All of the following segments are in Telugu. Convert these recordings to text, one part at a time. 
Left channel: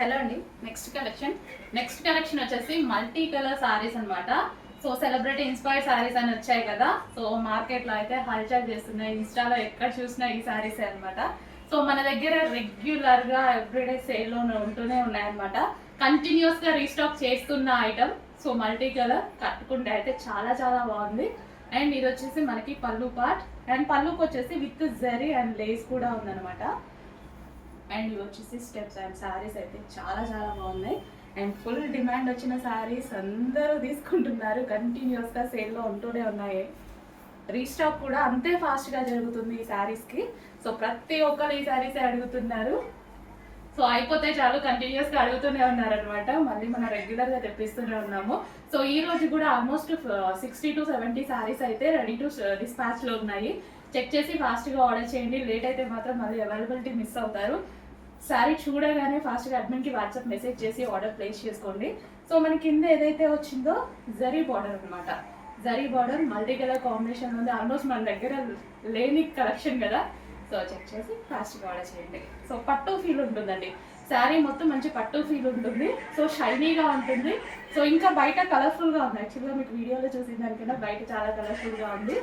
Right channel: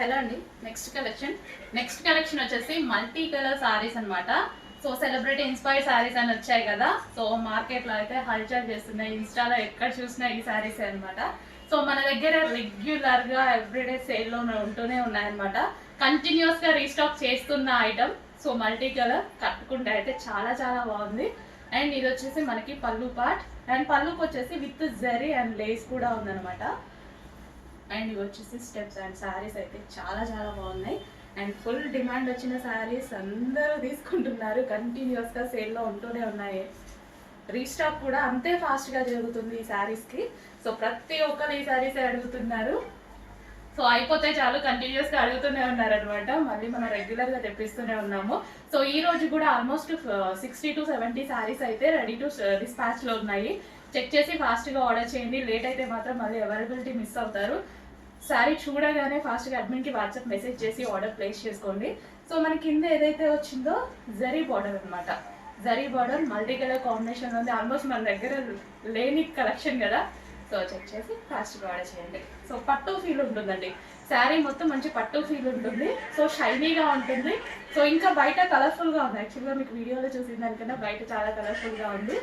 హలో అండి. నెక్స్ట్ కలెక్షన్ వచ్చేసి మల్టీ కలర్ సారీస్ అనమాట. సో సెలబ్రిటీ ఇన్స్పైర్డ్ సారీస్ అని వచ్చాయి కదా. సో మార్కెట్లో అయితే హల్చల్ చేస్తున్నాయి, ఇన్స్టాలో ఎక్కడ చూసినా ఈ సారీస్ అనమాట. సో మన దగ్గర రెగ్యులర్గా ఎవ్రీడే సేల్లో ఉంటూనే ఉన్నాయన్నమాట. కంటిన్యూస్గా రీస్టాక్ చేస్తున్న ఐటమ్. సో మల్టీ కలర్ కట్టుకుంటే అయితే చాలా చాలా బాగుంది. అండ్ ఇది వచ్చేసి మనకి పళ్ళు పార్ట్, అండ్ పళ్ళుకి వచ్చేసి విత్ జరీ అండ్ లేస్ కూడా ఉందన్నమాట. అండ్ ఇవి వచ్చేసి స్టెప్స్ అండ్ శారీస్ అయితే చాలా చాలా బాగున్నాయి. అండ్ ఫుల్ డిమాండ్ వచ్చిన శారీస్ అందరూ తీసుకుంటున్నారు, కంటిన్యూస్గా సేల్లో ఉంటూనే ఉన్నాయి. రీస్టాక్ కూడా అంతే ఫాస్ట్గా జరుగుతుంది ఈ శారీస్కి. సో ప్రతి ఒక్కరు ఈ శారీసే అడుగుతున్నారు. సో అయిపోతే చాలు కంటిన్యూస్గా అడుగుతూనే ఉన్నారనమాట. మళ్ళీ మనం రెగ్యులర్గా తెప్పిస్తూనే ఉన్నాము. సో ఈ రోజు కూడా ఆల్మోస్ట్ 60 to 70 శారీస్ అయితే రెడీ టు డిస్పాచ్లో ఉన్నాయి. చెక్ చేసి ఫాస్ట్గా ఆర్డర్ చేయండి. లేట్ అయితే మాత్రం మళ్ళీ అవైలబిలిటీ మిస్ అవుతారు. శారీ చూడగానే ఫాస్ట్గా అడ్మిన్కి వాట్సాప్ మెసేజ్ చేసి ఆర్డర్ ప్లేస్ చేసుకోండి. సో మన కింద ఏదైతే వచ్చిందో జరీ బార్డర్ అనమాట. Zari border multi colour combination ఉంది. ఆల్మోస్ట్ మన దగ్గర లేని కలెక్షన్ కదా. సో చెక్ చేసి ఫాస్ట్గా ఆర్డర్ చేయండి. సో పట్టు ఫీల్ ఉంటుందండి, శారీ మొత్తం మంచి పట్టు ఫీల్ ఉంటుంది. సో షైనీగా ఉంటుంది. సో ఇంకా బయట కలర్ఫుల్గా ఉంది. యాక్చువల్గా మీకు వీడియోలో చూసిన దానికన్నా బయట చాలా కలర్ఫుల్గా ఉంది.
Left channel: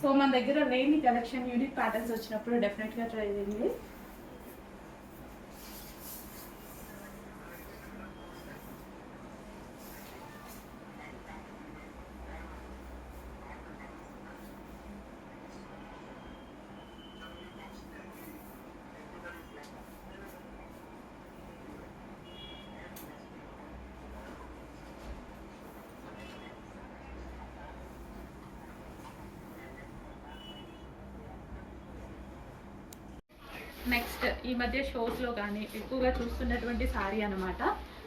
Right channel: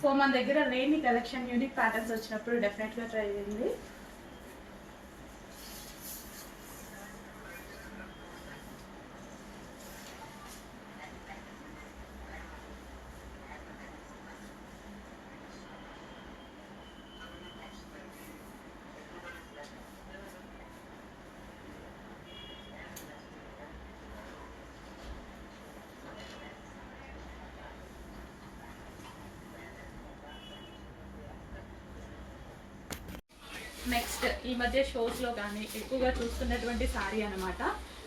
సో మన దగ్గర లేని కలెక్షన్ యూనిక్ ప్యాటర్న్స్ వచ్చినప్పుడు డెఫినెట్గా ట్రై చేయండి. నెక్స్ట్ ఈ మధ్య షోస్లో కానీ ఎక్కువగా చూస్తున్నటువంటి శారీ అనమాట.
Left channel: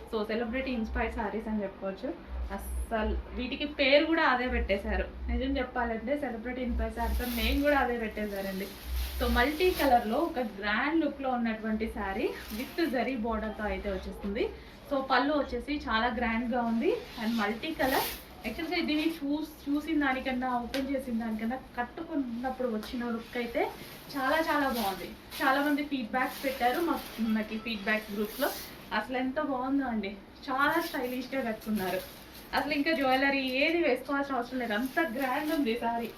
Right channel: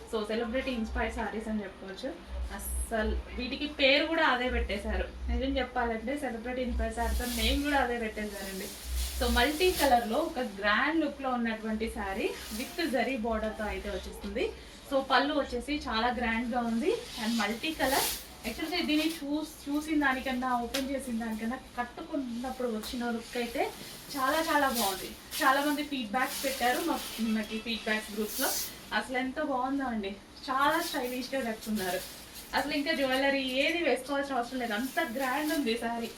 సో సెలబ్రిటీ ఇన్స్పైర్డ్ శారీస్ అని చెప్పుకోవచ్చు. అస్సలు వీటికి పేరు కూడా అదే పెట్టేశారు. నిజం చెప్పాలంటే సెలబ్రిటీ ఇన్స్పైర్డ్ శారీస్ నేను కూడా అదే పెట్టేశారండి. సో మల్టీ కలర్లో ఒక గ్రాండ్ లుక్లో ఉన్నటువంటి శారీ విత్ జరీ బార్డర్తో అయితే వచ్చేస్తుంది. సో పళ్ళు వచ్చేసి చాలా గ్రాండ్గా ఉంది అండ్ మల్టీ కలర్. యాక్చువల్గా దీన్ని చూసిన దానికన్నా ఓపెన్ చేసిన దానికన్నా కట్టుకున్నప్పుడు వచ్చిన లుక్ అయితే చాలా చాలా బాగుంది. చాలామంది ఫీడ్బ్యాక్స్ పెట్టారు మాకు ఫీడ్బ్యాక్స్ గ్రూప్స్లో. అసలు ఎంత బాగుందో అండి, చాలా స్టైలిష్గా కట్టుకున్నారు. అసలు ఇంకా జ్యువెలరీ ఏది వేసుకోవాల్సిన అవసరం లేదు, అంత గ్రాండ్ ఉంది సారీ.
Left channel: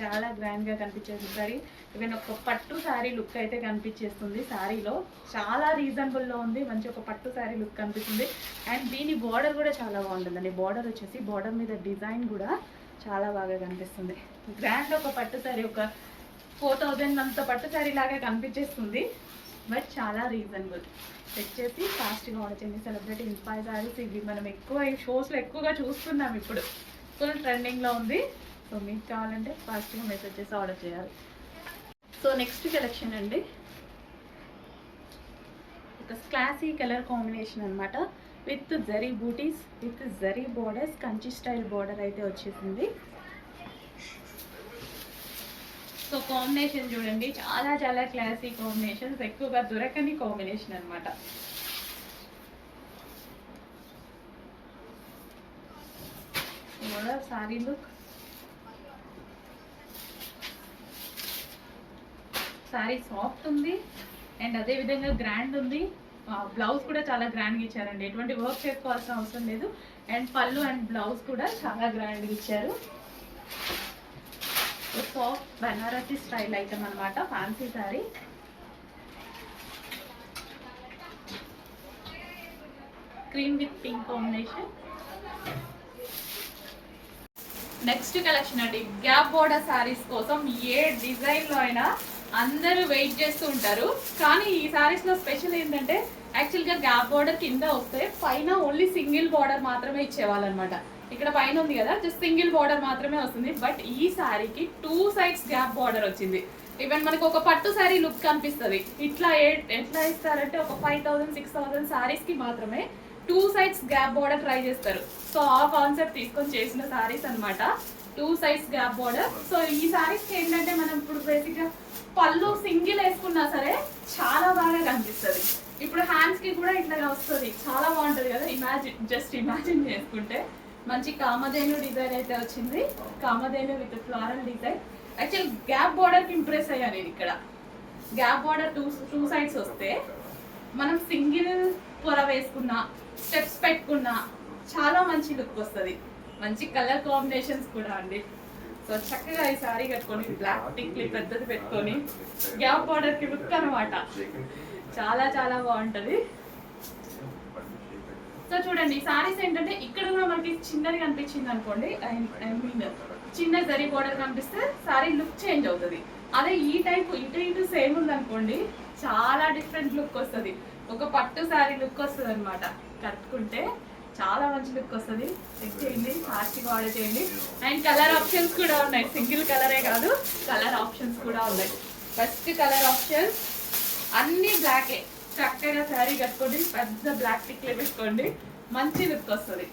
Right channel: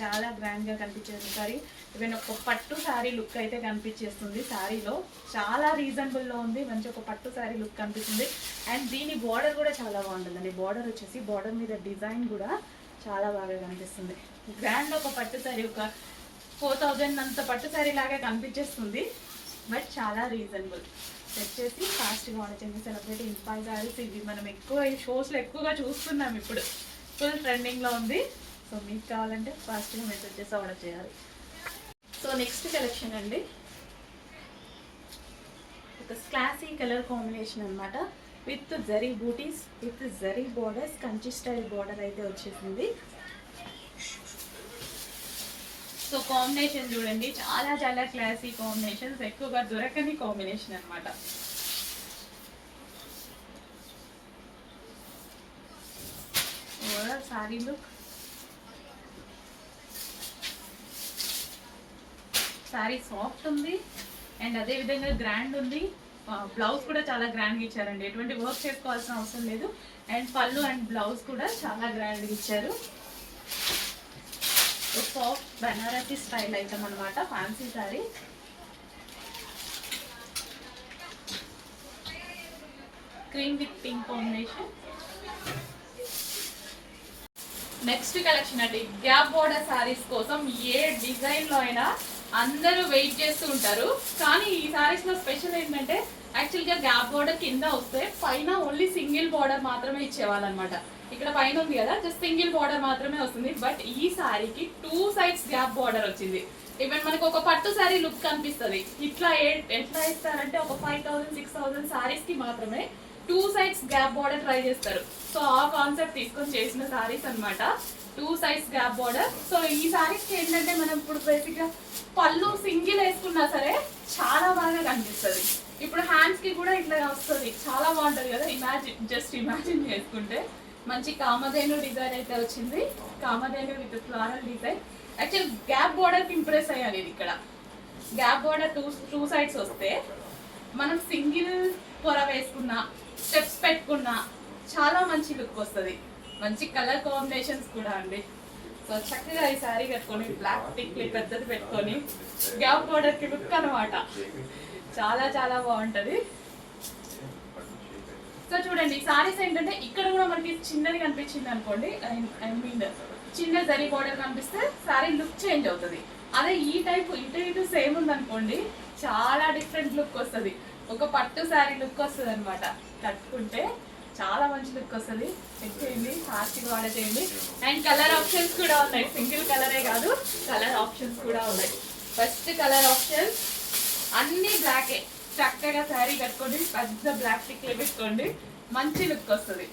చాలా గ్రాండ్గా కనిపించేది సారీ. ఈవెన్ ఒక పట్టు శారీ లుక్ అయితే కనిపించేస్తుంది. శారీలో చాలా రీజనబుల్లో ఉంది, మంచి ఒక పట్టు శారీ లుక్ కనిపిస్తుంది. అండ్ దీని బార్డర్ కూడా చాలా బాగుంటుందండి. బార్డర్ వచ్చేసి బార్డర్ మీద డిజైన్ కూడా చాలా బాగా కనిపిస్తుంది. గ్రాండ్ ఒక పట్టు శారీ ఒక 4000 అంత పట్టు శారీ లాగా కనిపించేస్తుంది. బట్ చాలా రీజనబుల్. చెక్ చేసి ఫాస్ట్గా ఆర్డర్ చేయండి. సెలబ్రిటీ ఇన్స్పైర్ శారీస్ ఇవి మనం ఎక్కువ ఈ షోస్లో ఎక్కువగా చూస్తున్నాం. ఇప్పుడు ఫుల్ ట్రెండింగ్లో ఉంది. సో మీకు కావాలంటే ఫాస్ట్గా మెసేజ్ చేసి ఆర్డర్ చేయాలి. సో నెక్స్ట్ కలెక్షన్ అండి, ఒక క్లాసీ కలర్ కాంబినేషన్ అనమాట. విత్ జరీ బూటీస్, with zari borders, Kanchi style border అయితే వచ్చేసింది. సో కాంబినేషన్ చూడండి, చాలా చాలా క్లాసీ కాంబినేషన్స్, ఎక్కువగా దొరకని కాంబినేషన్ అనమాట. సారీ లుక్, శారీ సాఫ్ట్ ఉంది అండ్ అదేవిధంగా గ్రాండ్ ఉంది. బ్లౌజ్ కూడా చాలా గ్రాండ్గా ఇచ్చారండి, ఎటువంటి వర్క్ చేసుకోవాల్సిన అవసరం లేదు. అండ్ పళ్ళు అండ్ బ్లౌజ్ కూడా చాలా గ్రాండ్గా ఇచ్చారు. సాఫ్ట్ బనారసి స్టైల్ ఐటమ్ అనమాట, fancy sari. Cream with pink combination. Next collection అండి, గ్యాప్ బోర్డర్ శారీస్ కోసం ఏ డిజైన్లో అయినా అందరూ వెయిట్ చేస్తూ ఉంటారు. కానీ ఈ శారీస్లో స్పెషల్ ఏంటంటే యాక్చువల్గా గ్యాప్ బోర్డర్ కింద వస్తే పైన ఓన్లీ సింగిల్ బార్డర్ మాత్రమే ఇచ్చేవాళ్ళు అనమాట. ఇక్కడ పైన ఉంది కదా, జస్ట్ సింగిల్ బార్డర్ మాత్రమే వస్తుంది. బట్ ఈ శారీకి 2 sides గ్యాప్ బార్డర్ వచ్చింది. ఈవెన్ మనకు ఒక పట్టు శారీ లుక్ కనిపిస్తుంది. ఇట్లా ఎట్లా ఇస్తారంటే ఒక 5000 6000 శారీస్కి మాత్రమే 2 sides గ్యాప్ బార్డర్ ట్రై చేస్తారు. సో ఆ కాన్సెప్ట్ తీసుకొని చేసిన శారీస్ అనమాట, 2 sides గ్యాప్ బార్డర్. సో ఈ శారీస్కి ఏంటంటే మనం ఇప్పుడు బేసిక్గా పళ్ళు సింగిల్ వేసుకున్నా సరే చాలా బాగా కనిపిస్తుంది. ఇప్పుడు హ్యాండ్స్కి కూడా ఇట్లా వస్తుంది, చాలా బాగుంటుంది కదా. జస్ట్ ఇమాజిన్ చేసుకుంటే మంచి కామధేను డిజైన్ అయితే వచ్చింది. Kamadhenu with floral design. Actual gap border కి ఇంప్రెస్ అయ్యాను నేను. ఇక్కడ గ్యాప్ బోర్డర్ టూ సైడ్స్ వస్తే మనం సింగిల్ పొర వేసుకున్నా, స్టెప్స్ పెట్టుకున్నా చాలా మంచి లుక్ వస్తుంది. మంచి కలర్ కాంబినేషన్స్ కూడా అండి. సో చక్కగా ఈ సారీ కట్టుకొని బ్లాక్ టిక్లీ పెద్దది పెట్టుకొని గ్యాప్ బోర్డర్ కి లుక్ అనమాట. చాలా చాలా బాగుంటది. సో చూడండి, ఈ సారీస్ ఏంటంటే ఇక్కడ కూడా మనకి చిన్నది కనిపించింది అనుకోండి, ఐ మీన్ చిన్న జరీ బోర్డర్ కనిపిస్తే సారీ లుక్ చేంజ్ అవుతుంది. అదే ఈ టైప్ ఇటు సేమ్ ఉంది అనుకోండి, చాలా డిఫరెంట్ లుక్ వస్తుంది. ఒక పట్టు సారీ లుక్ వస్తుంది అనమాట. కట్టుకుంటే చాలా మంచి లుక్ వస్తుంది. చెక్ చేయండి, ఫాస్ట్గా ఆర్డర్ చేయండి. అండ్ కలర్ ఆప్షన్స్ కూడా ఉన్నాయి. సింగిల్ కలరే కాదు, కలర్ ఆప్షన్స్ కూడా ఉన్నాయి. ఫస్ట్ కలర్ ఆప్షన్స్ అన్ని బ్లాకే. చక్కగా శారీ కట్టుకోండి, పెద్ద బ్లాక్ టిక్లే పెట్టుకోండి, మంచి లుక్ వస్తుంది.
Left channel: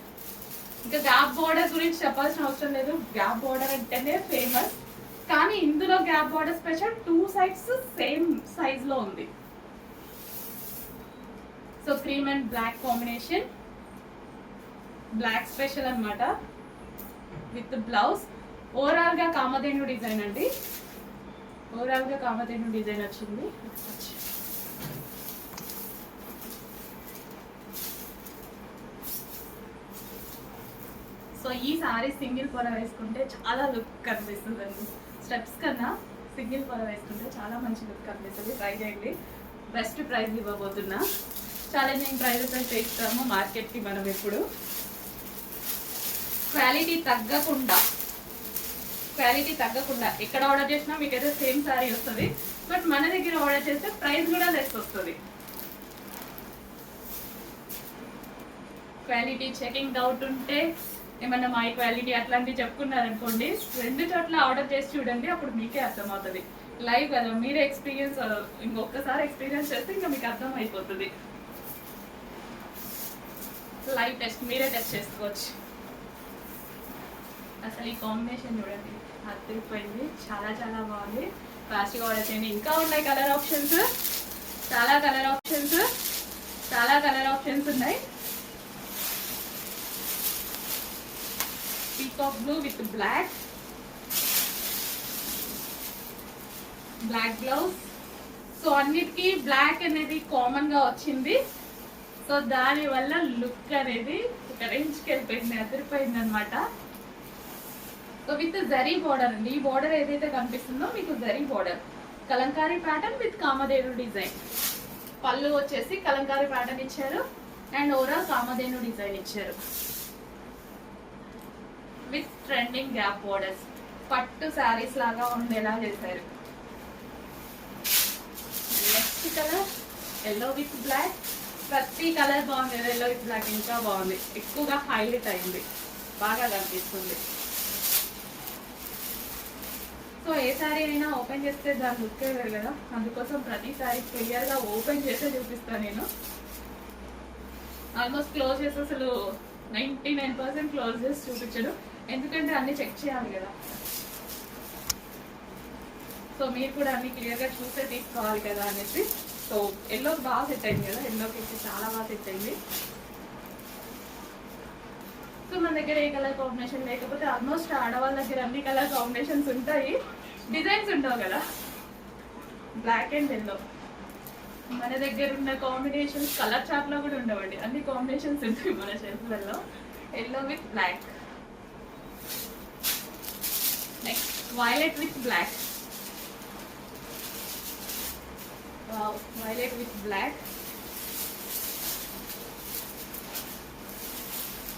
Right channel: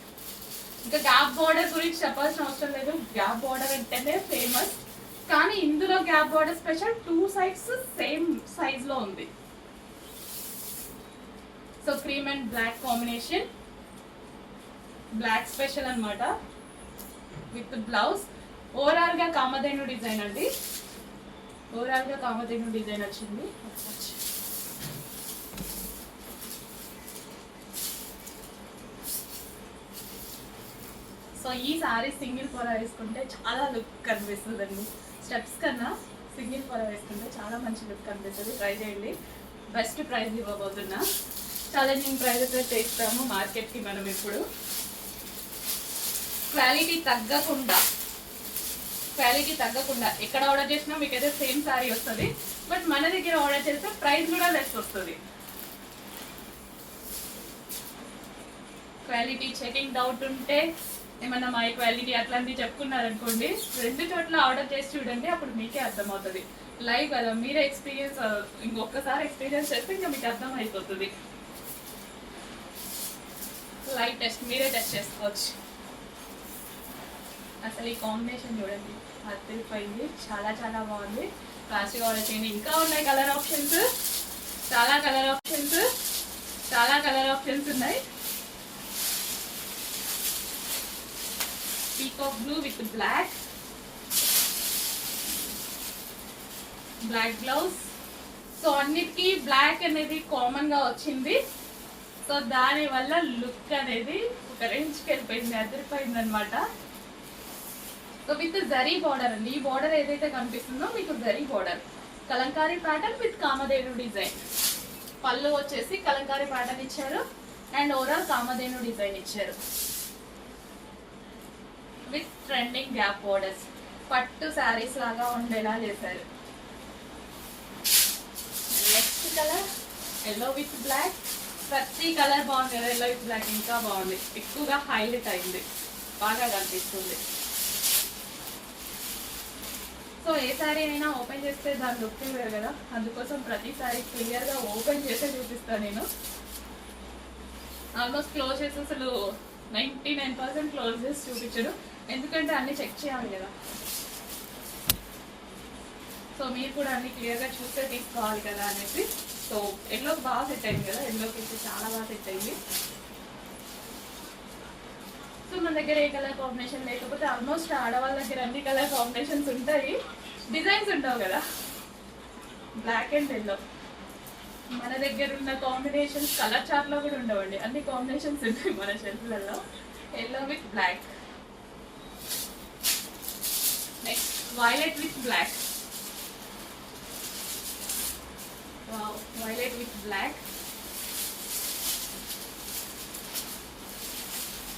ఇంకా గ్యాప్ బోర్డర్ గురించి చెప్పాల్సిన అవసరం లేదు. గ్యాప్ బోర్డర్ అంటేనే ఫేమస్. కానీ ఇందులో gap border special 2 sides same size లో ఉంది. So cream and black combination, black special అన్నమాట విత్ బ్లౌజ్. ఓవరాల్ గా కామధేను డిజైన్ అండి. ఓవరాల్ గా కామధేను డిజైన్ వచ్చింది. సో ఈ సారీ సింగిల్ పొర వేసుకుంటే చాలా లుక్ కనిపిస్తుంది అండి. స్టెప్స్ కన్నా సింగిల్ పొర వేసుకుంటే చాలా మంచి లుక్ కనిపిస్తుంది. ట్రై చేయండి. బెస్ట్ ప్రైస్ ఇవ్వబోతున్నా. ఛాలెంజింగ్ ప్రైజెస్ అయితే ఇస్తాము మార్కెట్కి మనం. ఇప్పుడు క్వాలిటీ తగ్గకుండా ఎక్కడ ఆర్డర్ చేసినా మీకైతే సేమ్ సారీ వస్తుంది. బట్ మన దగ్గర ఆర్డర్ చేస్తే ప్రైస్ కూడా లెస్ వస్తుంది. క్వాలిటీ చెకింగ్ డౌట్ ఉంటే, ఏమన్నా మై క్వాలిటీ అట్లాంటివి చెప్పుకున్నారనుకోండి, 2 చోట్ల ఆర్డర్ చేసి చూడండి, అప్పుడు మీకే అర్థమవుతుంది. లైవ్ కదా, మీరే ఎక్స్పీరియన్స్, ఇంకొకసారి ఎక్స్పీరియన్స్ చేస్తే ఇంకా మీకు అర్థం అయిపోతుంది. లైవ్ టెస్ట్ మీరే టెస్ట్ చేసుకోవచ్చు. అసలు ఈ కాంబినేషన్ చూడండి, అదిరిపోయింది. చాలా చాలా బాగుంది. ఫాస్ట్గా ఆర్డర్ చేయండి. ఇంకా ఉన్నాయి కలర్ ఆప్షన్స్, చాలా కలర్ ఆప్షన్స్ ఉన్నాయి. Peacock blue with black blouse. So అన్నిటికీ బ్లాక్ అనేది కామన్ గా వచ్చింది. సో దాని వల్ల లుక్ అనేది ఒక రేంజ్కి వెళ్ళిపోయింది, అదిరిపోయింది అనమాట. సో విత్ జరీ బార్డర్ అండి. ఈ బార్డర్ ఏదైతే కనిపిస్తుందో మీకు zari border, Kalamkari pattern with Kamadhenu design. పళ్ళు వచ్చేసి కలంకారీ ప్యాటర్న్ ఇచ్చారు అండ్ ఓవరాల్ కామధేను డిజైన్ ఇచ్చారు విత్ ట్రెండింగ్ గ్యాప్ బోర్డర్స్. పట్టు శారీస్ లాగా ఉండేలా చేశారు. Next colour yellow with black. ప్రతి కలర్ బాగుంది. ఎల్లో విత్ బ్లాక్ ఇంకా బాగుంది, ఎక్కువగా హైలైట్ అయింది, బాగా కనిపిస్తుంది. సో ఏ శారీ అయినా ఓపెన్ చేస్తే దాని లుక్ లేదు కదా, అందుకోసం ప్రతి శారీ క్లియర్గా ఓపెన్ చేసే చూపిస్తాను నేను. ఆల్మోస్ట్ క్లోజ్ చేసి అసలు 99% క్లోజ్ చేసి చూపించడు, ఎందుకంటే అన్ని చెక్ చేయాలి కదా. సో మీరు కూడా అన్ని క్లియర్గా చూసే తీసుకోవాలి కదా అనేసి. సో ఎల్లోకి బాగా సెట్ అయింది కదా, ఎల్లోకి అయితే చాలా బాగా సెట్ అయింది. సో మన దగ్గర ఏ కలర్ కాంబినేషన్ లేకపోతే ఆల్మోస్ట్ ఆడవాళ్ళ దగ్గర అన్ని కలర్ కాంబినేషన్స్ ఉంటాయి, డిజైన్స్ ఉంటావు కదా. బ్లాక్ అండ్ ఎల్లో మన దగ్గర ఉన్న కాంబినేషన్స్ కలర్ చార్ట్లో కూడా ఉండవండి, అన్ని కాంబినేషన్స్ ఉంటాయి మన షెల్ఫ్లలో. Yellow with black. Next violet with black. Wow, violet with black.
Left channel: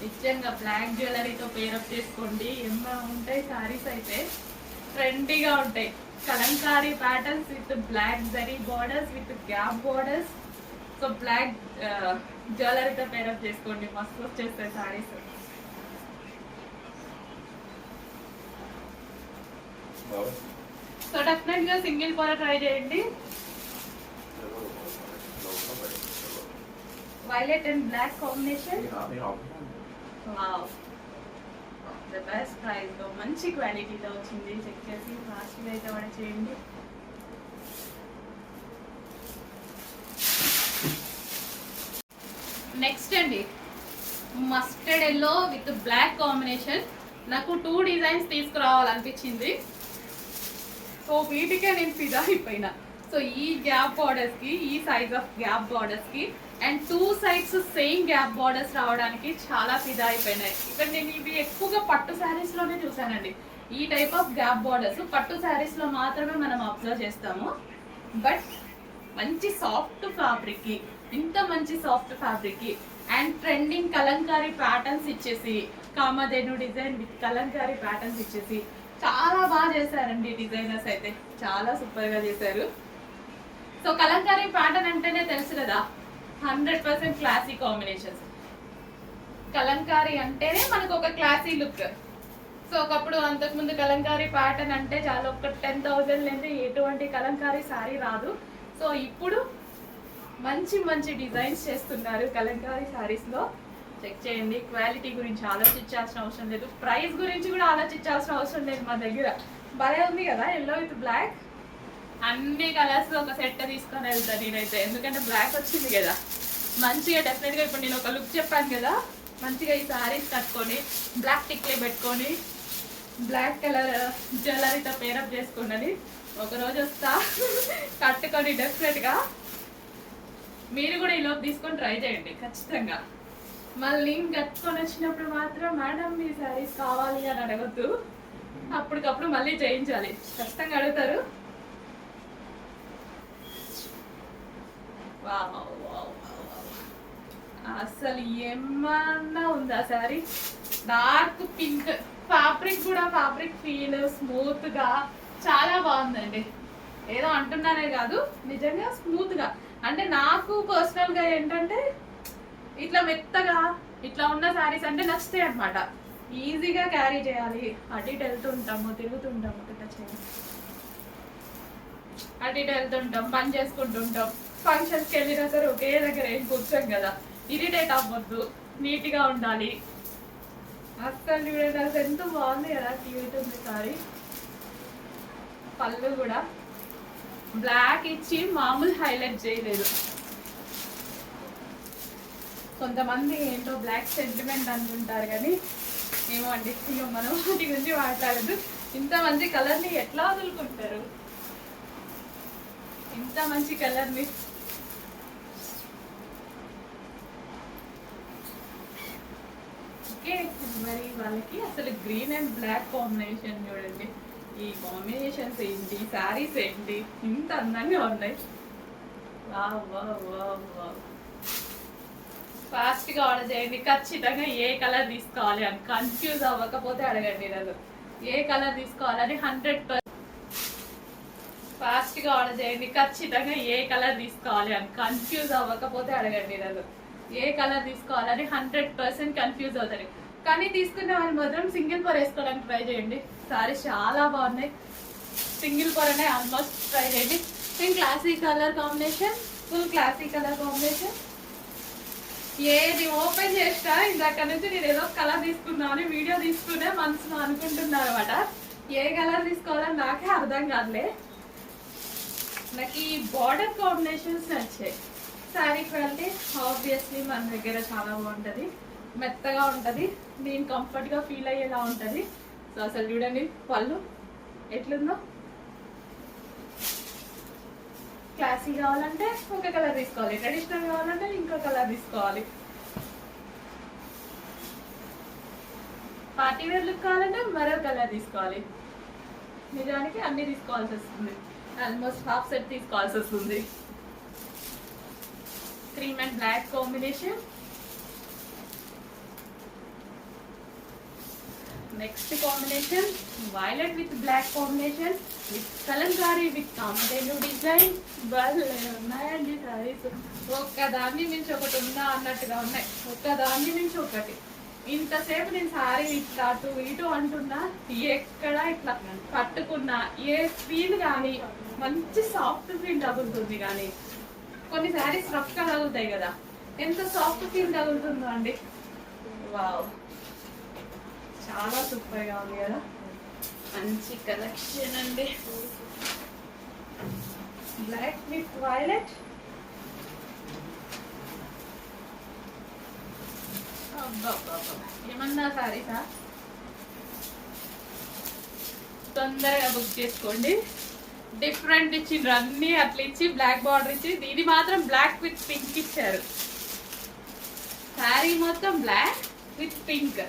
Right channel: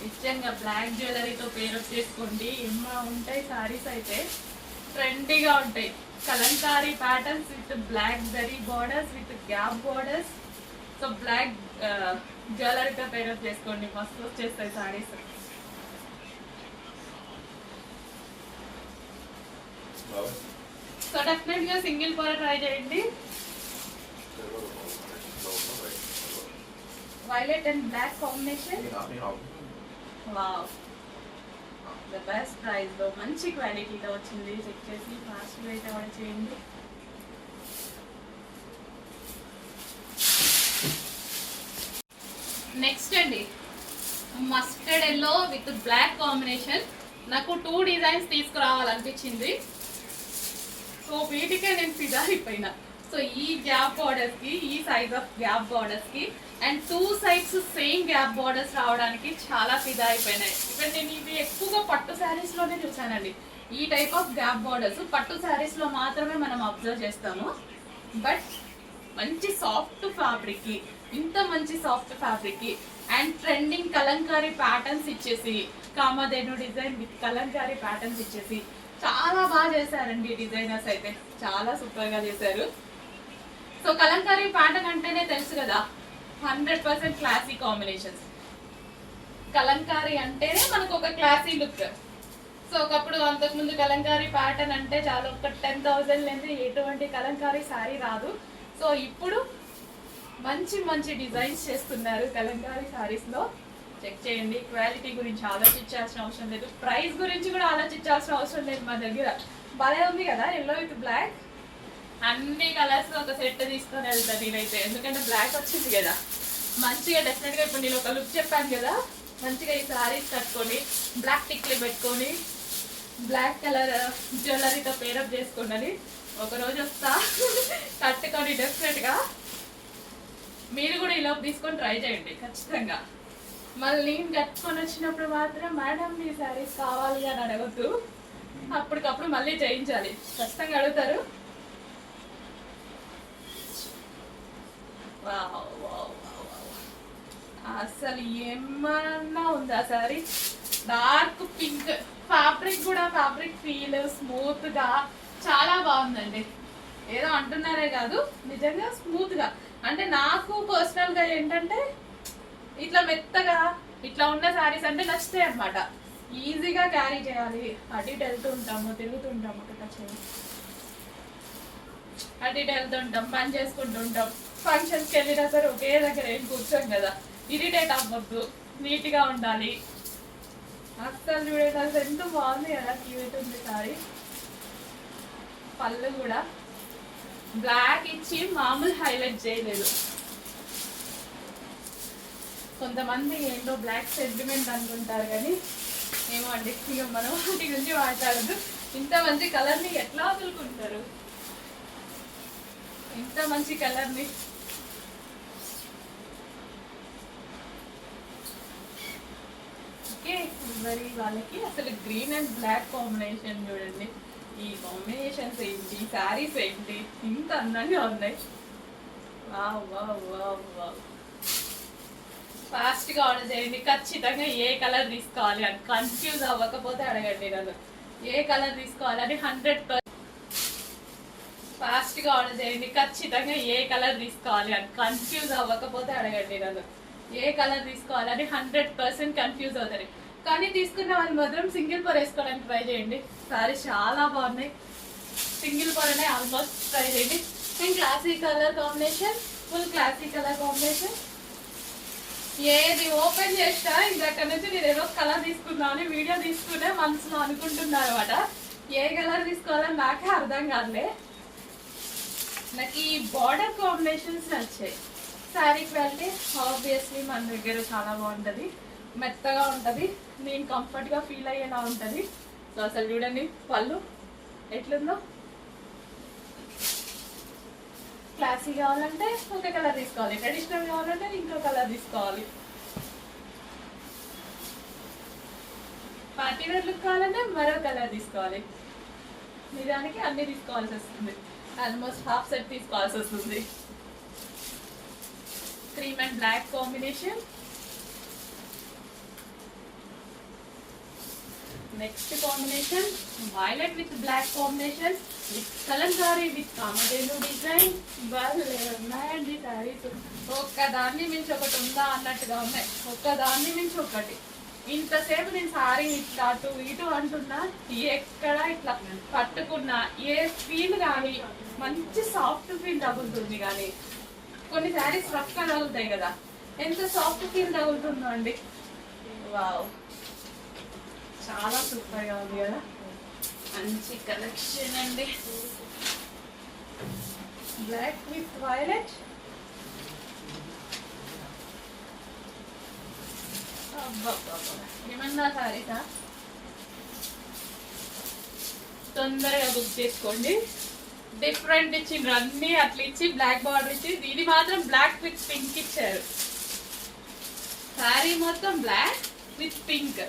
నిజంగా బ్లాక్ జ్యువెలరీతో పేరప్ చేసుకోండి, ఏమన్నా ఉంటాయి సారీస్ అయితే ట్రెండీగా ఉంటాయి. Kalamkari patterns with black zari borders with gap borders. So black జ్యువెలరీతో పేరప్ చేసుకోండి, మస్తు వచ్చేస్తాయి సారీస్. సో డెఫినెట్ గా సింగిల్ పొర ట్రై చేయండి. Violet and black combination. Wow, the best price లో మంచి క్వాలిటీలో వచ్చింది. చెక్ చేసి ఫాస్ట్గా అయితే ఆర్డర్ చేయండి. నెక్స్ట్ అండి mustard yellow with black combination. నాకు 2 డిజైన్స్ తీసుకురావాలనిపించింది. సో వీటికే నేను ఫిదా అయిపోయినా. సో ఈ గ్యాప్ బార్డర్స్ కి, ఈ సైజ్ ఆఫ్ గ్యాప్ బార్డర్స్ కి and 2 sides same gap borders రావడానికి చాలా ఫిదా అయిపోయినాయి. ఇక్కడ నేను ఇవి ఎక్కువగా పట్టు శారీస్ లోనే చూసానండి. ఈ టైప్ ఆఫ్ గ్యాప్ బార్డర్స్ పట్టు శారీస్ లో మాత్రమే మనం అబ్జర్వ్ చేస్తాము. బట్ మంచి సాఫ్ట్ ఫ్యాబ్రిక్ కి, ఇంత మంచి సాఫ్ట్ ఫ్యాబ్రిక్ కి అండ్ ట్రెండింగ్ కలంకారీ ప్యాటర్న్స్ ఇచ్చేసి, Kamadhenu design with Kalamkari patterns ఇచ్చేసి చాలా బాగా చేశారండి డిజైనర్స్ అయితే. చాలా సూపర్ గా చేశారు. సో కలంకారీ ప్యాటర్న్ అంటేనే తెలుసు కదా, 100% క్లాసీ కాంబినేషన్స్. కలంకారీ అంటేనే మనకు ఒక క్లాసీ లుక్. సో ఒకప్పుడు అంతకుముందు కలంకారీ ప్యాటర్న్ అంటే చాలా, ఒక 10,000 లేని ఎటువంటి కలంకారీ సారీ రాదు. సో ఇప్పుడు మంచి మంచి డిజైన్స్ చేస్తున్నారు కలంకారీ సారీస్ లో. చెక్ చేయండి. క్వాలిటీ గురించి ఆలోచించాల్సిన అవసరం లేదు, ప్రైస్ గురించి కూడా ఆలోచించాల్సిన అవసరం లేదు. మా దగ్గర భలే ఉంది కదా ఎల్లో విత్ బ్లాక్. అన్ని కలర్స్ ఒక సెట్ తీసుకొని వెళ్తాను నేనైతే, ఎందుకంటే బ్లాక్ వచ్చింది కదా మంచిగా. డెఫినెట్గా ఇప్పుడు నేను ఒక లుక్ చెప్పాను కదా, మంచిగా ఈ సారీస్ కట్టుకొని బ్లాక్ టిక్లీ పెట్టుకొని బ్లాక్ కలర్ జ్యువెలరీతో పేరప్ చేసుకున్నది ఒకరోజు వస్తా కట్టుకొని. డెఫినెట్గా మీరు కూడా ఈ లోపు తీసుకొని ట్రై చేయండి ఖచ్చితంగా. మళ్ళీ నేను కట్టుకొని వచ్చినప్పుడు మాత్రం మేడం మీ శారీస్ కావాలి అని అడగద్దు, అప్పటికప్పుడు మళ్ళీ చేయించాలి. ఖచ్చితంగా అడుగుతారు. అసలు ఏమన్నా ఉందా శారీ? డార్క్ పింక్ ఫ్యాబ్రిక్ కూడా, ఫ్యాబ్రిక్ ఫీల్ స్మూత్ గా చాలా బాగుందండి. ఏదో అంటున్నారే కాదు, నిజంగా స్మూత్ గా. అంటే నాకు పర్సనల్ గా ఏంటంటే ఇట్లా మెత్తగా ఇట్లా ఉన్న శారీస్ అంటే నచ్చుతాయి అనమాట. ఈజీగా క్యారీ చేయాలి. అటు ఇటు వెళ్తుంటాము, తిరుగుతుంటాము, అటు ఇటు వెళ్తుంటాం, పని చేసుకుంటుంటాం. ఫంక్షన్స్కి వెళ్ళినా సరే ఒకే దగ్గర ఏం కూర్చోం కదా, ఇరిటేట్ అవ్వద్దు, నీట్గా ఉండాలి. అస్సలు చూడండి, అసలు ఎంత బాగుంది కదా, క్యూట్ ఉంది సారీ. పళ్ళు కూడా బ్లాక్ ఇచ్చి మామూలు హైలైట్ చేయలేదు. కొంతమంది ఏంటో బ్లాక్ సెంటిమెంట్ అనుకుంటారు కానీ ఏమో అండి, ఇక మనం వాటి గురించి మాట్లాడద్దు. ఇంత మంచి కలర్ని ఎట్లా వదులుకుంటారు? ఇంత మంచి కలర్ని ఓకే. మరి వాళ్ళకి అసలు గ్రీన్ అండ్ బ్లాక్ కాంబినేషన్ చూడండి. ఈ కాంబినేషన్స్ ఏంటి, శారీస్ ఏంటి, ఇంత అందంగా ఉన్నాయి. Wow wow wow wow. ఫాస్ట్గా ఆర్డర్ చేయండి. ఖచ్చితంగా ఏ కలర్ తీసుకోవాలి అని కన్ఫ్యూజ్ అవ్వకపోతే అడగండి నన్ను, ఏ కలర్ తీసుకోవాలని 100%. ఫాస్ట్గా ఆర్డర్ చేయండి. ఖచ్చితంగా ఏ కలర్ తీసుకోవాలి అని కన్ఫ్యూజ్ అవ్వకపోతే అడగండి నన్ను, ఏ కలర్ తీసుకోవాలని 100% కన్ఫ్యూజ్ అవుతారు. కానీ తీసుకున్న వాళ్ళు మాత్రం సింగిల్ పర్ వేసుకోవడానికి ట్రై చేయండి. సారీ చాలా బాగున్నాయి. సింగిల్ పర్ అనే ఆల్మోస్ట్ ట్రై చేయండి. And classy colour combination, full classy colour combination. ఏది ఓపెన్ చేస్తా ఇందాక నుంచి నేను ఏదో కలర్ తీసుకుందామని వీడియో తీసుకునే మనసులో అనుకుంటున్నారు అనమాట. ఏ కలర్ తీసుకోవాలని నాకే అర్థం కాదులే. నాకు ఈ బార్డర్ కాంబినేషన్స్ నచ్చాయి. శారీ క్వాలిటీ ఆబ్వియస్లీ మన దగ్గర చాలా బాగుంటుంది, మెత్తగా ఉంటుంది, నేను కంఫర్ట్గా ఫీల్ అయ్యేలా ఉంటుంది. సో అసలు చూడండి పళ్ళు ఎట్లుందో. క్లాసీ కావాలంటే ఒక కలర్ తీసుకోవాలి, ట్రెడిషనల్ కావాలంటే ఇంకో కలర్ తీసుకోవాలి, పార్టీ వేర్ లుక్ కావాలంటే మరో కలర్ తీసుకోవాలి. నిజానికి అన్ని తీసుకోవాల్సి వస్తుంది, ఆల్మోస్ట్ హాఫ్ సెట్ తీసుకోవాల్సి వస్తుంది. Cream and black combination. Next combination violet with black combination with Kalamkari with Kamadhenu design. ఉన్నాయండి సారీస్, ఒక్కదాన్ని మించి ఒకటి ఉందా అన్నట్టుగా ఉన్నాయి, ఒక్కదాన్ని మించి ఒకటి. ఇంతసేపు నేను సారీ ఇట్లా అటు ఇటు అంటున్నా, ఎక్కడ ఇట్లా పట్టుకున్నా ఏ ఫీల్ కానీ మంచి సాఫ్ట్ ఫీల్ తగులుతుంది. కానీ కొన్ని శారీస్ రఫ్గా తగులుతాయి కదా, ఎంత సాఫ్ట్ ఫీల్ తగులుతుందో అండి. వావ్, చాలా సూపర్గా ఉంది కదా, మంచి కలెక్షన్ అండి. Black with violet. అబ్బా, ఏమన్నా సారీసా, తొందరగా బుక్ చేసుకోండి. డిఫరెంట్ ఇచ్చిండ్రు, అన్ని అట్లా ఇచ్చి బ్లాక్ బార్డర్ ఇచ్చి, ఇది మాత్రం బ్లాక్ విత్ పింక్ ఇచ్చారు. శారీ మొత్తం బ్లాక్ విత్ పింక్.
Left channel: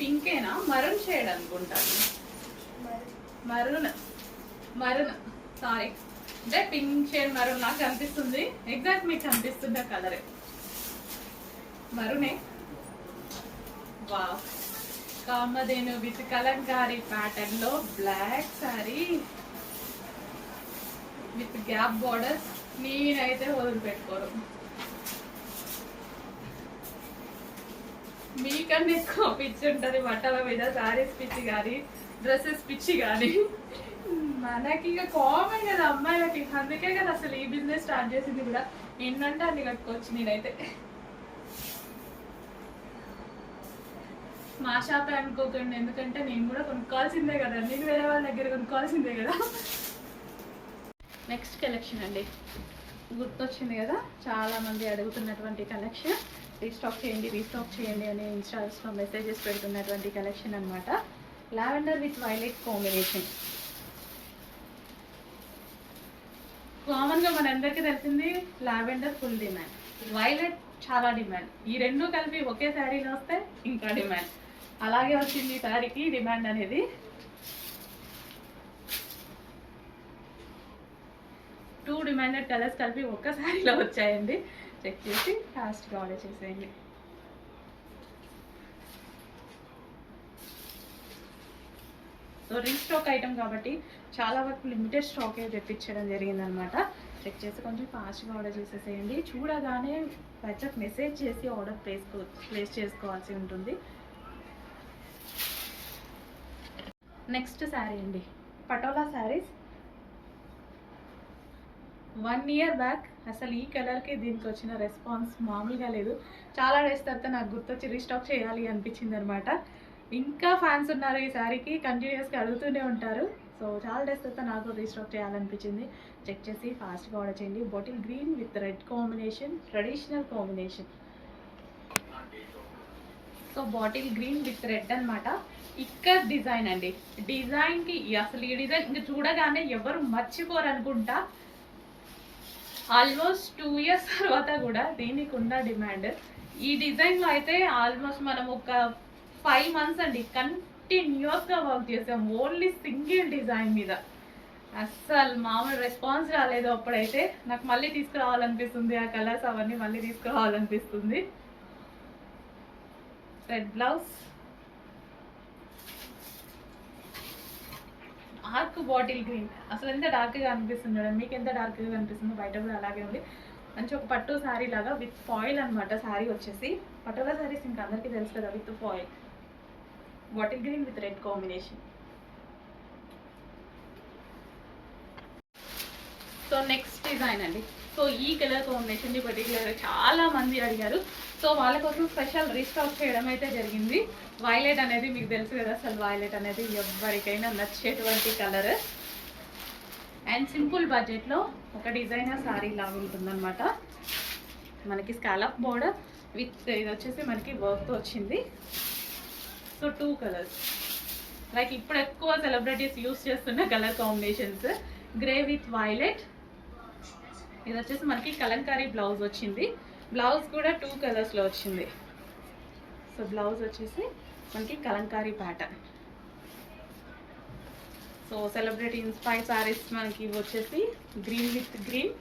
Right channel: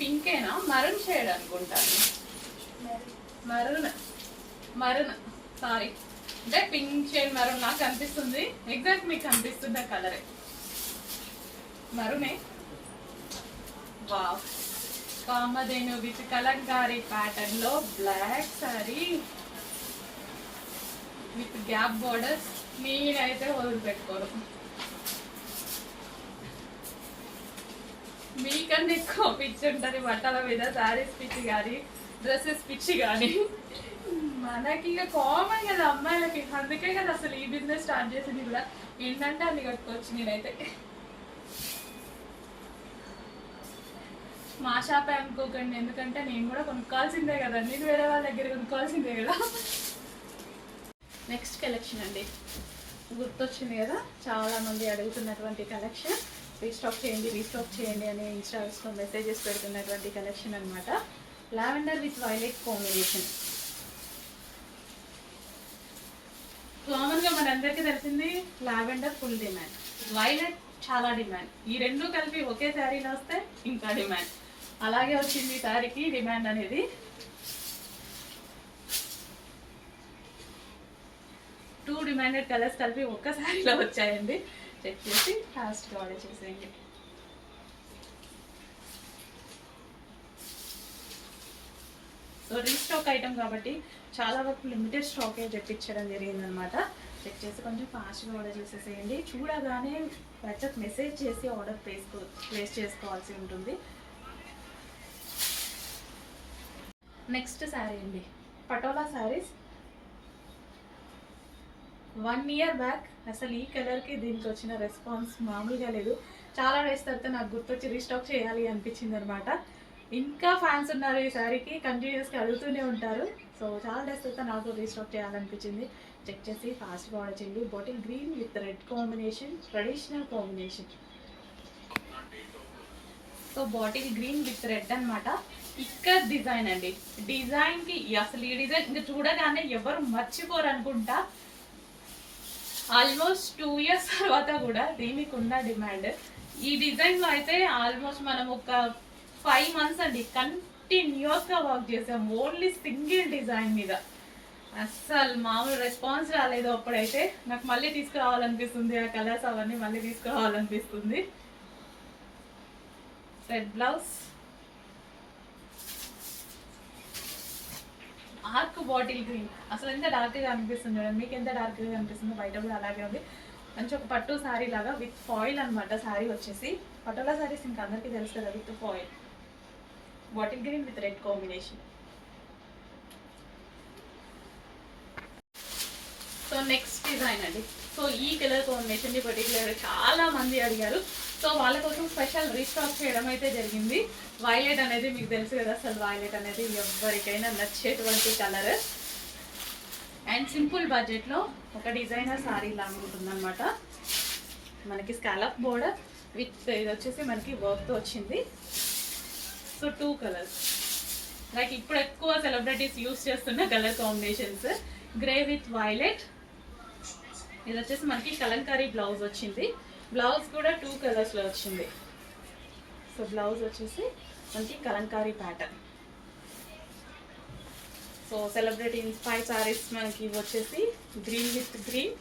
పింకేనా, మరూన్ షేడ్ అనుకుంటాను. మరూన్ సారీ, అంటే పింక్ షేడ్ మరూన్ నాకు కనిపిస్తుంది. ఎగ్జాక్ట్ మీకు కనిపిస్తున్న కలరే మరూనే. Wow, Kamadhenu with kalamkari pattern లో black saree with gap borders. నేనైతే వదిలిపెట్టుకోరు. మీకన్నా ఎక్కువ పిచ్చి ఉంటుంది బట్టల మీద, శారీస్ పిచ్చి కానీ డ్రెస్సెస్ పిచ్చి కానీ. మనకి ఇక కామన్ కదా అమ్మాయిలకి, అందుకే కదా అసలు ఈ బిజినెస్ స్టార్ట్ చేసింది కూడా. ఏంటంటే అన్ని కట్టుకోవచ్చు. నేనైతే మా షాపే అనుకోకండి, ఎందుకంటే నేను కూడా కొనుక్కోవాల్సిందే కదా, నేను వేరే వాళ్ళ దగ్గర కొనుక్కోవాల్సిందే కదా. నెక్స్ట్ కలెక్షన్ అండి, గుర్తొచ్చింది కదా చాలా మంది అడుగుతున్నటువంటి కలెక్షన్. రీస్టాక్ చేయండి అని ఇన్స్టాగ్రామ్లో మెసేజెస్ పెడుతున్నటువంటి కలెక్షన్ అనమాట. Lavender with violet combination. కామన్గా మనందరికీ తెలిసింది లావెండర్ ఫుల్ డిమాండ్, వైలెట్ చాలా డిమాండ్. ఈ రెండు కలిపి ఒకే శారీలో వస్తే ఇంకా డిమాండ్. అలాగే వచ్చింది ఈ శారీకి డిమాండ్ అనేది. టూ డిమాండెడ్ కలర్స్ కలిపి ఒక్క శారీలో వచ్చాయండి. చెక్ చేసి ఫాస్ట్గా ఆర్డర్ చేసేయండి. సో రీస్టాక్ ఐటమ్ కాబట్టి చాలా వరకు లిమిటెడ్ స్టాకే తెప్పించడం జరిగిందనమాట. చెక్ చేసి కొంచెం ఫాస్ట్గా ఆర్డర్ చేసేసేయండి. చూడగానే వాట్సాప్ మెసేజ్ చేసి ఆర్డర్ ప్లేస్ చేసుకోవాల్సి ఉంటుంది. నెక్స్ట్ శారీ అండి, పటోలా శారీస్. 1 year బ్యాక్ అసలు ఈ కలర్కి దీనికి వచ్చిన రెస్పాన్స్ మామూలుగా లేదు. చాలా డేస్ తర్వాత నాకు గుర్తొచ్చి రీస్టాక్ చేయాలి అనిపించింది అనమాట. ఇంకా ఫ్యాన్స్ ఉన్నారు ఈ శారీకి, కంటిన్యూస్గా అడుగుతూనే ఉంటారు. సో చాలా డేస్ తర్వాత నాకు రీస్టాక్ చేయాలనిపించింది. చెక్ చేసి ఫాస్ట్గా ఆర్డర్ చేయండి. Bottle green with red combination, traditional combination. So bottle green with red అనమాట. ఇక్కడ డిజైన్ అండి, డిజైన్కి అసలు ఈ డిజైన్ ఇంకా చూడగానే ఎవరు మర్చిపోరు అనుకుంటా. ఆల్మోస్ట్ 2 years తర్వాత కూడా దీనికి ఉన్న డిమాండ్. ఈ డిజైన్లో అయితే ఆల్మోస్ట్ మనం ఒక 5 months అండి కంటిన్యూస్గా వర్క్ చేసాం ఓన్లీ సింగిల్ డిజైన్ మీద. అస్సలు మామూలు రెస్పాన్స్ రాలేదు. అప్పుడైతే నాకు మళ్ళీ తీసుకురావాలనిపిస్తుంది, ఆ కలర్స్ అవన్నీ మళ్ళీ తీసుకురావాలనిపిస్తుంది. Red blouse, dark bottle green. అసలు ఎంత డార్క్గా అనిపిస్తుంది చూడండి, మీకు ఎంత డార్క్గా అనిపిస్తుందో బయట కూడా అలాగే ఉంది. మంచి ఒక పట్టు శారీ లాగా విత్ ఫాయిల్ అనమాట. శారీ వచ్చేసి పటోలా శారీస్ ఇంకా అందరికీ తెలుసు కదా, with foil. Bottle green with red combination. So next design అండి. సో ఈ కలర్ కాంబినేషన్ పర్టికులర్ చాలా మంది అడిగారు. సో వాళ్ళ కోసం స్పెషల్ రీస్టాక్ చేయడం అయితే జరిగింది. వైలెట్ అనేది మీకు తెలుసు కదా, అసలు వైలెట్ అనేది ఎవరికైనా నచ్చేటువంటి కలర్. అండ్ సింపుల్ బడ్జెట్లో ఒక డిజైనర్ శారీ లాగా ఉంటుందన్నమాట. మనకి స్కాలప్ బోర్డర్ విత్ ఇది వచ్చేసి మనకి వర్క్తో వచ్చింది. సో 2 కలర్స్ లైక్ ఇప్పుడు ఎక్కువ సెలబ్రిటీస్ యూస్ చేస్తున్న colour combinations. Grey with violet. ఇది వచ్చేసి మనకి కలంకారీ బ్లౌజ్ వచ్చింది. బ్లౌజ్ కూడా 2 కలర్స్లో వచ్చింది. సో బ్లౌజ్ వచ్చేసి మనకి Kalamkari pattern. So celebrity inspire saris మనకి వచ్చేసి గ్రీన్ విత్ గ్రీన్.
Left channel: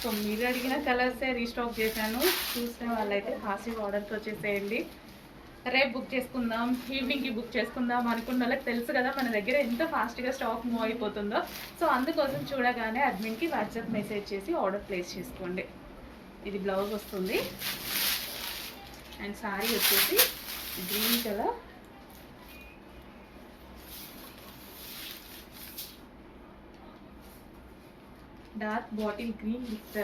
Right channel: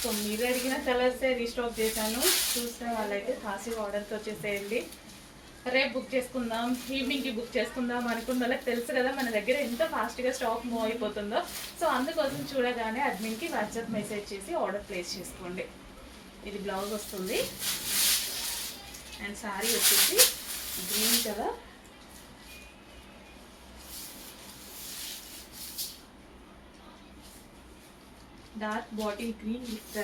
సో మీరు అడిగిన కలర్సే రీస్టాక్ చేశాను. చూసిన వాళ్ళైతే ఫాస్ట్గా ఆర్డర్స్ వచ్చేసేయండి. రేపు బుక్ చేసుకుందాం, ఈవినింగ్కి బుక్ చేసుకుందాం అనుకున్న వాళ్ళకి తెలుసు కదా మన దగ్గర ఎంత ఫాస్ట్గా స్టాక్ మూవ్ అయిపోతుందో. సో అందుకోసం చూడగానే అడ్మిన్కి వాట్సాప్ మెసేజ్ చేసి ఆర్డర్ ప్లేస్ చేసుకోండి. ఇది బ్లౌజ్ వస్తుంది అండ్ శారీ వచ్చేసి green colour. Dark bottle green with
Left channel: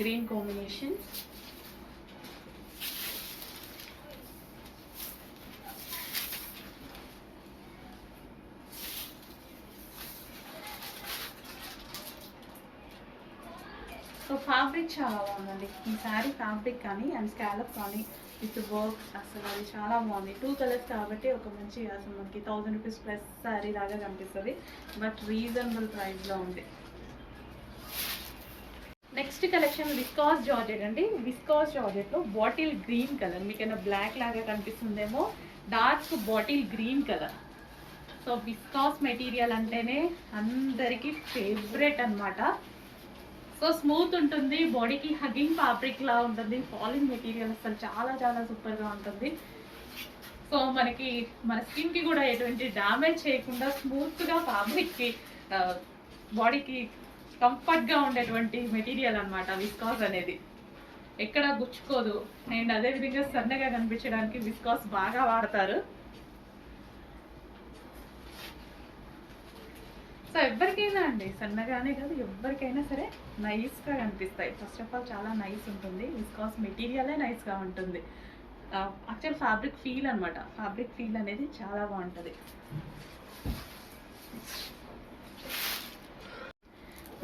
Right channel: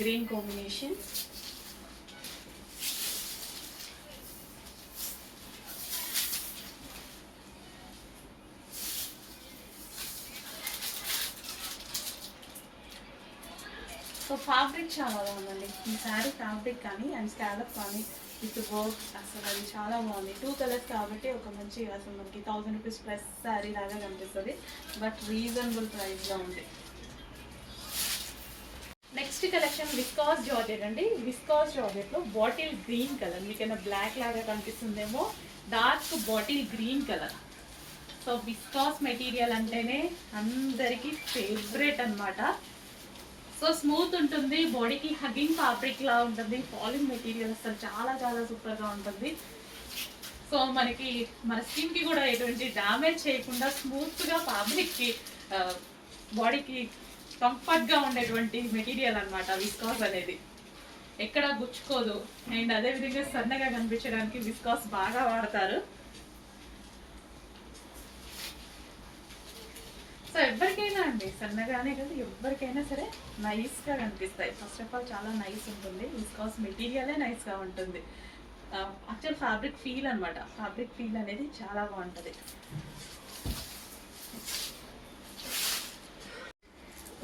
green combination. So fabric చాలా బాగుందండి ఈ శారీ. ఫ్యాబ్రిక్ కానీ అండ్ స్కాలప్ కానీ విత్ వర్క్. అసలు అది చాలా బాగుంది. 2 కలర్స్ కాబట్టి ఒక మంచి అసలు మనకి 1000 రూపీస్ ప్లస్ శారీ లాగా కనిపిస్తుంది, బట్ రీజనబుల్ ప్రైస్లో ఉంది. నెక్స్ట్ కలెక్షన్ విస్కాస్ జార్జెట్ అండి. విస్కాస్ జార్జెట్లో బాటిల్ గ్రీన్ కలర్, మీకైనా బ్లాక్ లాగా కనిపిస్తుందేమో, dark bottle green colour. So viscose material అంటేనే అందరికీ ఫేవరెట్ అనమాట. సో స్మూత్ ఉంటుంది, బాడీకి హగ్గింగ్ ఫ్యాబ్రిక్ లా ఉంటుంది, ఫాలింగ్ మెటీరియల్ అసలు చాలా చాలా సూపర్గా ఉంటుంది. సో మనకి మన స్కిన్కి కూడా ఎటువంటి డ్యామేజ్ చేయకుండా స్మూత్గా ఫ్యాబ్రిక్కి బాడీకి కంఫర్ట్గా ఉండేటువంటి మెటీరియల్ అనమాట విస్కాస్ అనేది. ఎక్కడ గుచ్చుకోదు, అండ్ అదేవిధంగా సన్నగా కనిపించడానికి విస్కాస్ బాగా వాడతారు. సో ఎవరికైనా అండి, సన్నగానే కాదు ఎవరికైనా సరే నైస్గా కనిపిస్తాయి. ఫస్ట్ ఆఫ్ ఆల్ చాలా నైస్ ఉంటుంది, విస్కాస్ మెటీరియలే నైస్గా ఉంటుంది. యాక్చువల్ ఫ్యాబ్రిక్ ఫీల్ అనమాట, ఫ్యాబ్రిక్ ఫీల్ అనేది చాలా బాగుంటుంది.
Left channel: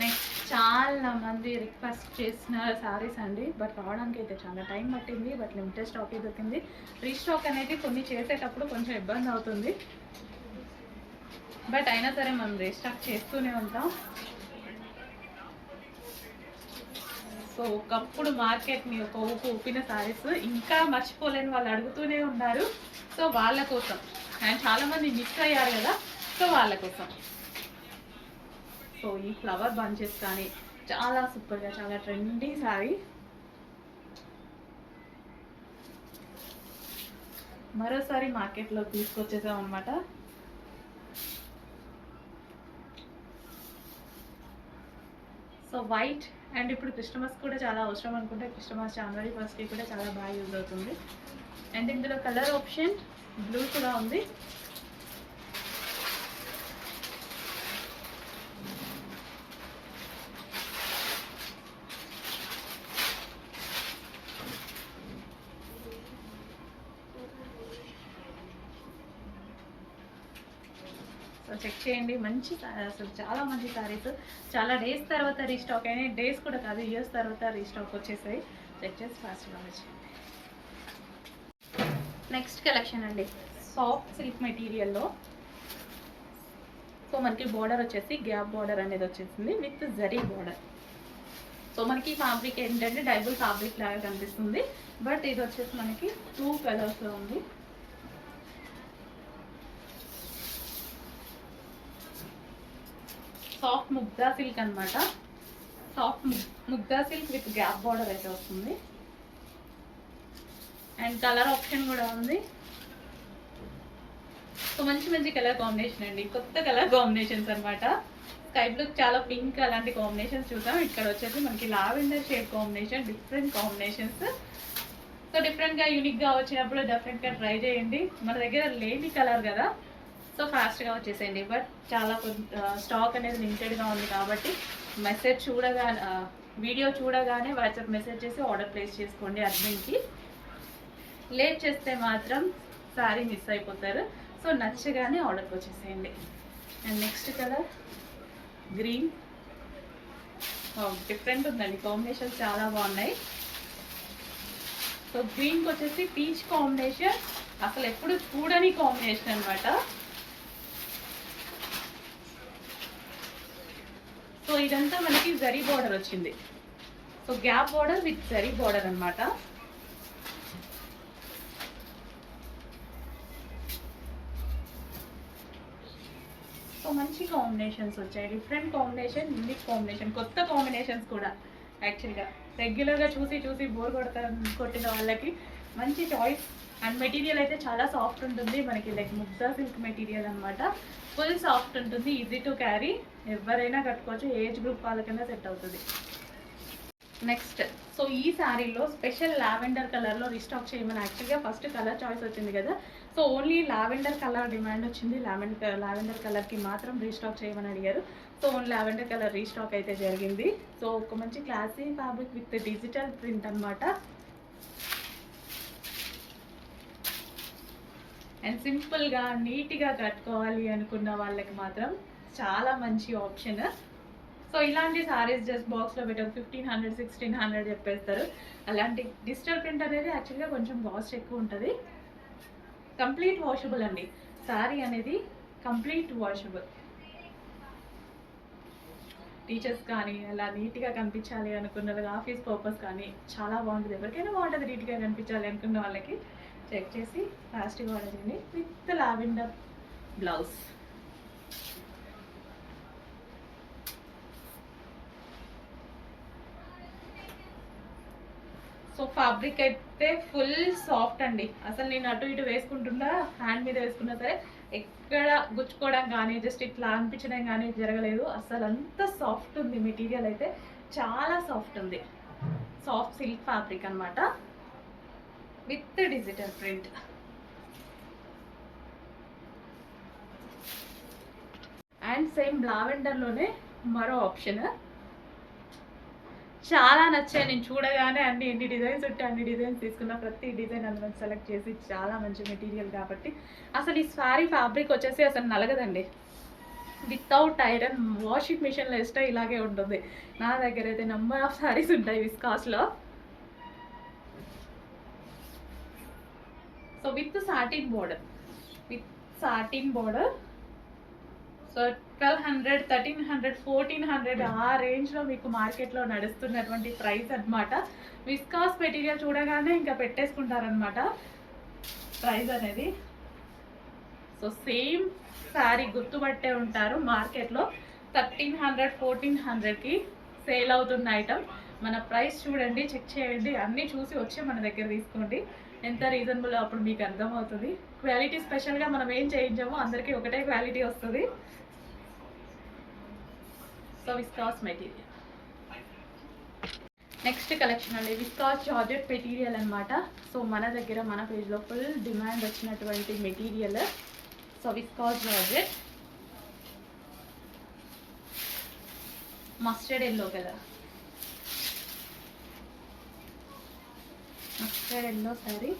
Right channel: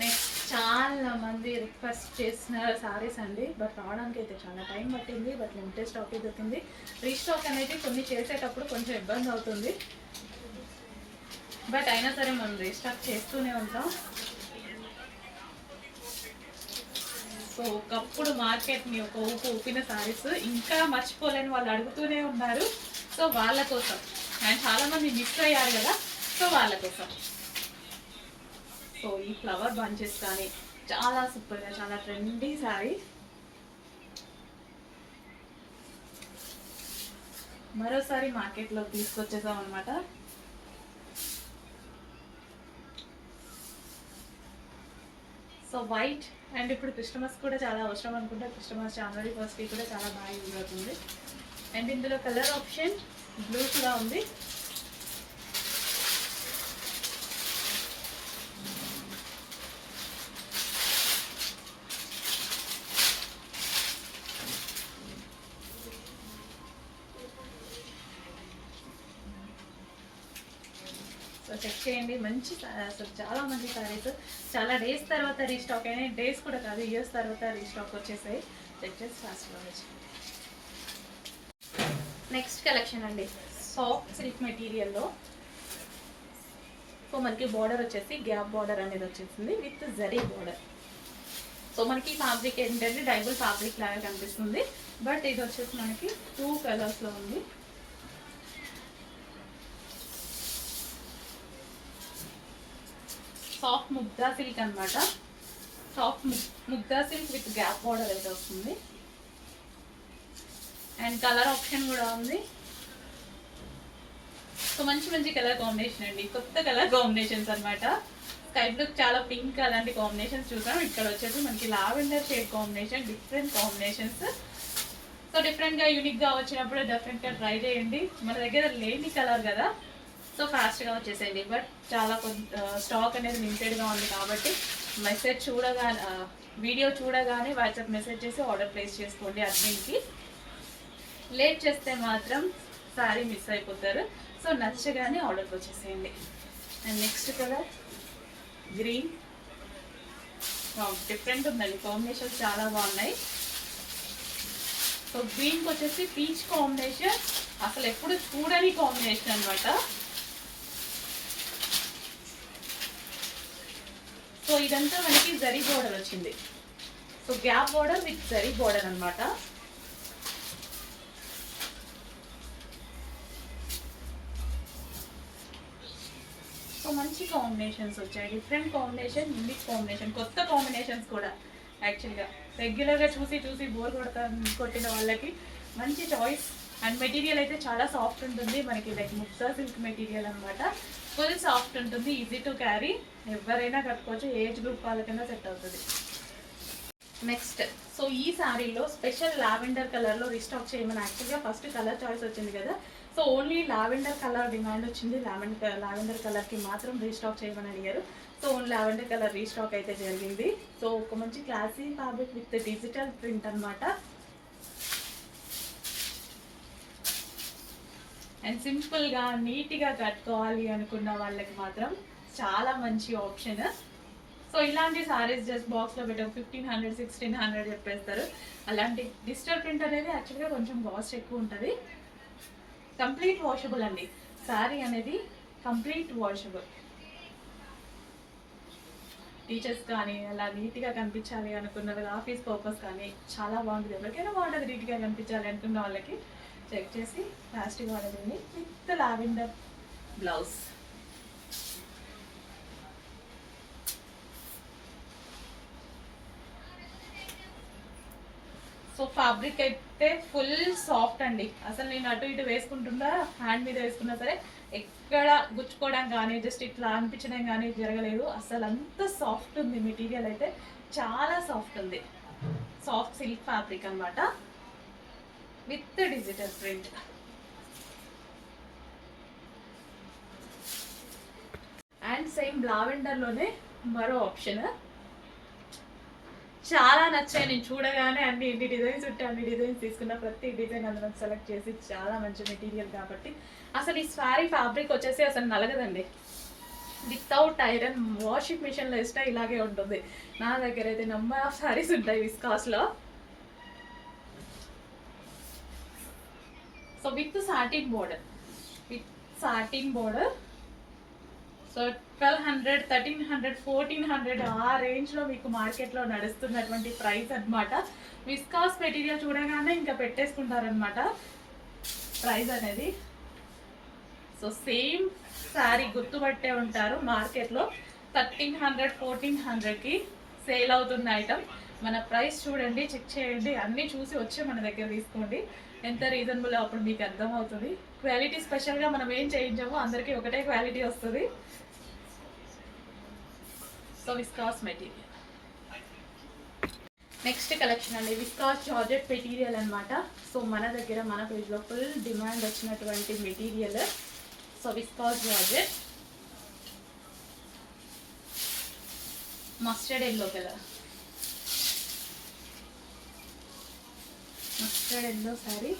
నెక్స్ట్ చాలా మంది రిక్వెస్ట్ చేసిన శారీస్ అండి, బట్ రావడానికి అయితే చాలా టైం పట్టింది, బట్ లిమిటెడ్ స్టాక్ దొరికింది. రీస్టాక్ అనేది కొన్ని చేసేటప్పుడు కొంచెం ఇబ్బంది అవుతుంది, బట్ అయినా సరే మనం రీస్టాక్ చేస్తూనే ఉంటాం. సో ఒకప్పుడు మార్కెట్ని ఒక ఊపు ఊపిన శారీస్ ఇంకా మర్చిపోలేని వాళ్ళు అడుగుతూనే ఉన్నారు. సో వాళ్ళ కోసం, అండ్ చాలామంది మిస్ అయ్యారు కదా, సో వాళ్ళ కోసం. సో ఈ ఫ్లవర్ బంచెస్ కానీ చాలా సూపర్గా, చాలా ట్రెండీ శారీ. మరోసారి మార్కెట్లో తీసుకొచ్చేసాం అనమాట. సో వైట్, అండ్ ఇప్పుడు క్రిస్టమస్ కూడా చాలా అవసరం అనుకుంటే క్రిస్టమస్ జనవరి 1st కూడా చాలా బాగా యూజ్ అవుతుంది. అండ్ ఇందులో కలర్ ఆప్షన్ బ్లూ కూడా ఉంది. సో చెక్ చేయండి, మంచి అసలు చాలా మంచి శారీస్. చాలా డేస్ తర్వాత రీస్టాక్ అయినాయి, డేస్ కూడా కాదు ఇయర్స్ తర్వాత రీస్టాక్ వచ్చేసాయి. చెక్ చేసి ఫాస్ట్గా వచ్చేయండి. నెక్స్ట్ కలెక్షన్ అండి, సాఫ్ట్ సిల్క్ మెటీరియల్లో. సో మనకి బార్డర్ వచ్చేసి గ్యాప్ బార్డర్ అనేది వచ్చేసింది విత్ జరీ బార్డర్. సో మనకి ఫ్యాబ్రిక్ ఏంటంటే డైబుల్ ఫ్యాబ్రిక్ లాగా కనిపిస్తుంది, బట్ ఇది వచ్చేసి మనకి 2 కలర్స్లో ఉంది. సాఫ్ట్ ముగ్దా సిల్క్ అనమాట, soft Mugdha silk with gap border అయితే వస్తుంది. అండ్ కలర్ ఆప్షన్ కూడా ఉంది. సో మంచి మంచి కలర్ కాంబినేషన్ అండి, కొత్త కలర్ కాంబినేషన్స్ అనమాట. స్కై బ్లూ, చాలా పింక్ అలాంటి కాంబినేషన్స్ చూసాం. ఇక్కడ వచ్చేసి మనకి lavender shade combination, different combinations. So డిఫరెంట్గా యూనిక్గా వచ్చినప్పుడు డెఫినెట్గా ట్రై చేయండి. మన దగ్గర లేని కలర్ కదా, సో ఫాస్ట్గా వచ్చేసేయండి. బట్ చాలా స్టాక్ అనేది లిమిటెడ్గా ఉంది కాబట్టి మెసేజ్ చూడగానే, వీడియో చూడగానే వాట్సాప్ మెసేజ్ చేసి ఆర్డర్ ప్లేస్ చేసుకోండి అర్జెంట్కి. లేట్ చేస్తే మాత్రం శారీ మిస్ అయిపోతారు. సో నచ్చగానే ఆర్డర్కి వచ్చేసేయండి. And next colour green, different ఉందండి, కాంబినేషన్స్ చాలా బాగున్నాయి. సో గ్రీన్కి వచ్చేసి పీచ్ కాంబినేషన్, అసలు ఎప్పుడు చూడని కాంబినేషన్ అనమాట. సో ఇదంతా మనకి జరీ బోర్డర్ వచ్చింది. So gap border with zari border అనమాట. సో మంచి కాంబినేషన్స్ వచ్చాయి, డిఫరెంట్ కాంబినేషన్, యూనిక్ కాంబినేషన్, కొత్త కాంబినేషన్స్ కూడా. యాక్చువల్గా రెగ్యులర్గా చూసి చూసి బోర్ కొట్టిన వాళ్ళకి మంచి చాయిస్. అండ్ మెటీరియల్ అయితే చాలా సాఫ్ట్ ఉంటుంది మనకి, లైక్ ముగ్దా సిల్క్ మెటీరియల్ అనమాట. ఫుల్ సాఫ్ట్ ఉంటుంది, ఈజీ టు క్యారీ, ఎవరైనా కట్టుకోవచ్చు, ఏజ్ గ్రూప్ వాళ్ళకైనా సెట్ అవుతుంది. నెక్స్ట్, సో ఈ శారీలో స్పెషల్ లావెండర్ కలర్లో రీస్టాక్ చేయమని యాక్చువల్గా ఫస్ట్ కలర్ చాయిస్ వచ్చింది కదా, so only lavender colour demand వచ్చింది. లావెండర్ కలర్కి మాత్రం రీస్టాక్ చేయమని అడిగారు. So only lavender colour restock అయితే జరిగింది. సో ఒక మంచి classy fabric with digital print అనమాట. అండ్ సింపుల్గా నీట్గా కట్టుకోవాలి అనుకున్న వాళ్ళకి మాత్రం చాలా మంచి ఆప్షన్. సో ఇలాంటి సారీస్ జస్ట్ బాక్స్లో పెట్టారు 1500 1600 చెప్పేస్తారు. అలాంటి డిజిటల్ ప్రింట్ అనేది యాక్చువల్గా కొంచెం కాస్ట్ ఎక్కువ ఉంటుంది. కంప్లీట్ వాషబుల్ అండి సారీ అనేది, కంప్లీట్ వాషబుల్. టీచర్స్ కానీ అలా నీట్గా కనిపించాలి అనుకున్నది, ఆఫీస్ పర్పస్ కానీ చాలా బాగుంటుంది. ఎవరికైనా బాగుంటుంది నీట్గా కనిపించాలి అనుకున్న వాళ్ళకి. చెక్ చేసి ప్లాస్టిక్ ఆర్డర్ ఉంది with lavender blouse. So fabric అయితే ఫుల్ సాఫ్ట్ అండి. అసలు నేను అటు ఇటు వేసుకుంటున్నా, హ్యాండ్ మీద వేసుకున్నా సరే ఎక్కడ గుచ్చుకోవడం కానీ జస్ట్ ఇట్లా అనిపించడం కానీ జరగలేదు. అసలు అంత సాఫ్ట్ ఉంది మెటీరియల్ అయితే, చాలా సాఫ్ట్ ఉంది. సాఫ్ట్ సిల్క్ ఫ్యాబ్రిక్ అనమాట with digital print. And same లావెండర్లోనే మరో ఆప్షన్ చాలా నచ్చాయి. నేను చూడగానే ఎన్ని డిజైన్స్ ఉంటే అన్ని డిజైన్స్ తీసుకున్న, ప్రతి డిజైన్ అందులో సెలెక్ట్ చేసి, చాలా మంచి మెటీరియల్ కాబట్టి అసలు ఈ సారీ ఫ్యాబ్రిక్ వచ్చేసి అసలు నలగదండి. వితౌట్ ఐరన్ వాషింగ్ మిషన్లో వేస్తే ఇలాగే ఉంటుంది. నా దగ్గర అయితే నెంబర్ ఆఫ్ సారీస్ ఉంటాయి విస్కాస్లో. So with satin border, so 1200 1300 1400 ఆ రేంజ్లో మీకు మార్కెట్లో నడుస్తున్నటువంటి ప్రైస్ అనమాట. విస్కాస్ మెటీరియల్ చూడగానే ఇంకా పెట్టేసుకుంటారనమాట ప్రైస్ అనేది. సో సేమ్ శారీ గుర్తుపట్టే ఉంటారు, మార్కెట్లో 1300 1400కి సేల్ అవుతున్న ఐటమ్. మన ప్రైస్ చూడండి, చెక్ చేయండి, అన్నీ చూసి వచ్చి మన దగ్గర తీసుకోండి. ఎంత రీజనబుల్ అప్పుడు మీకు అర్థమవుతుంది. క్వాలిటీ స్పెషల్గా మనం ఏం చేయించామో అందరికీ ఒకటే క్వాలిటీ వస్తుంది. So viscose material. Next collection అండి విస్కాస్ జార్జెట్ మెటీరియల్ అనమాట. సో మన దగ్గర మన పేజ్లో ఫుల్ డిమాండ్ వచ్చినటువంటి material. So viscose georgette mustard yellow కదా, mustard yellow saree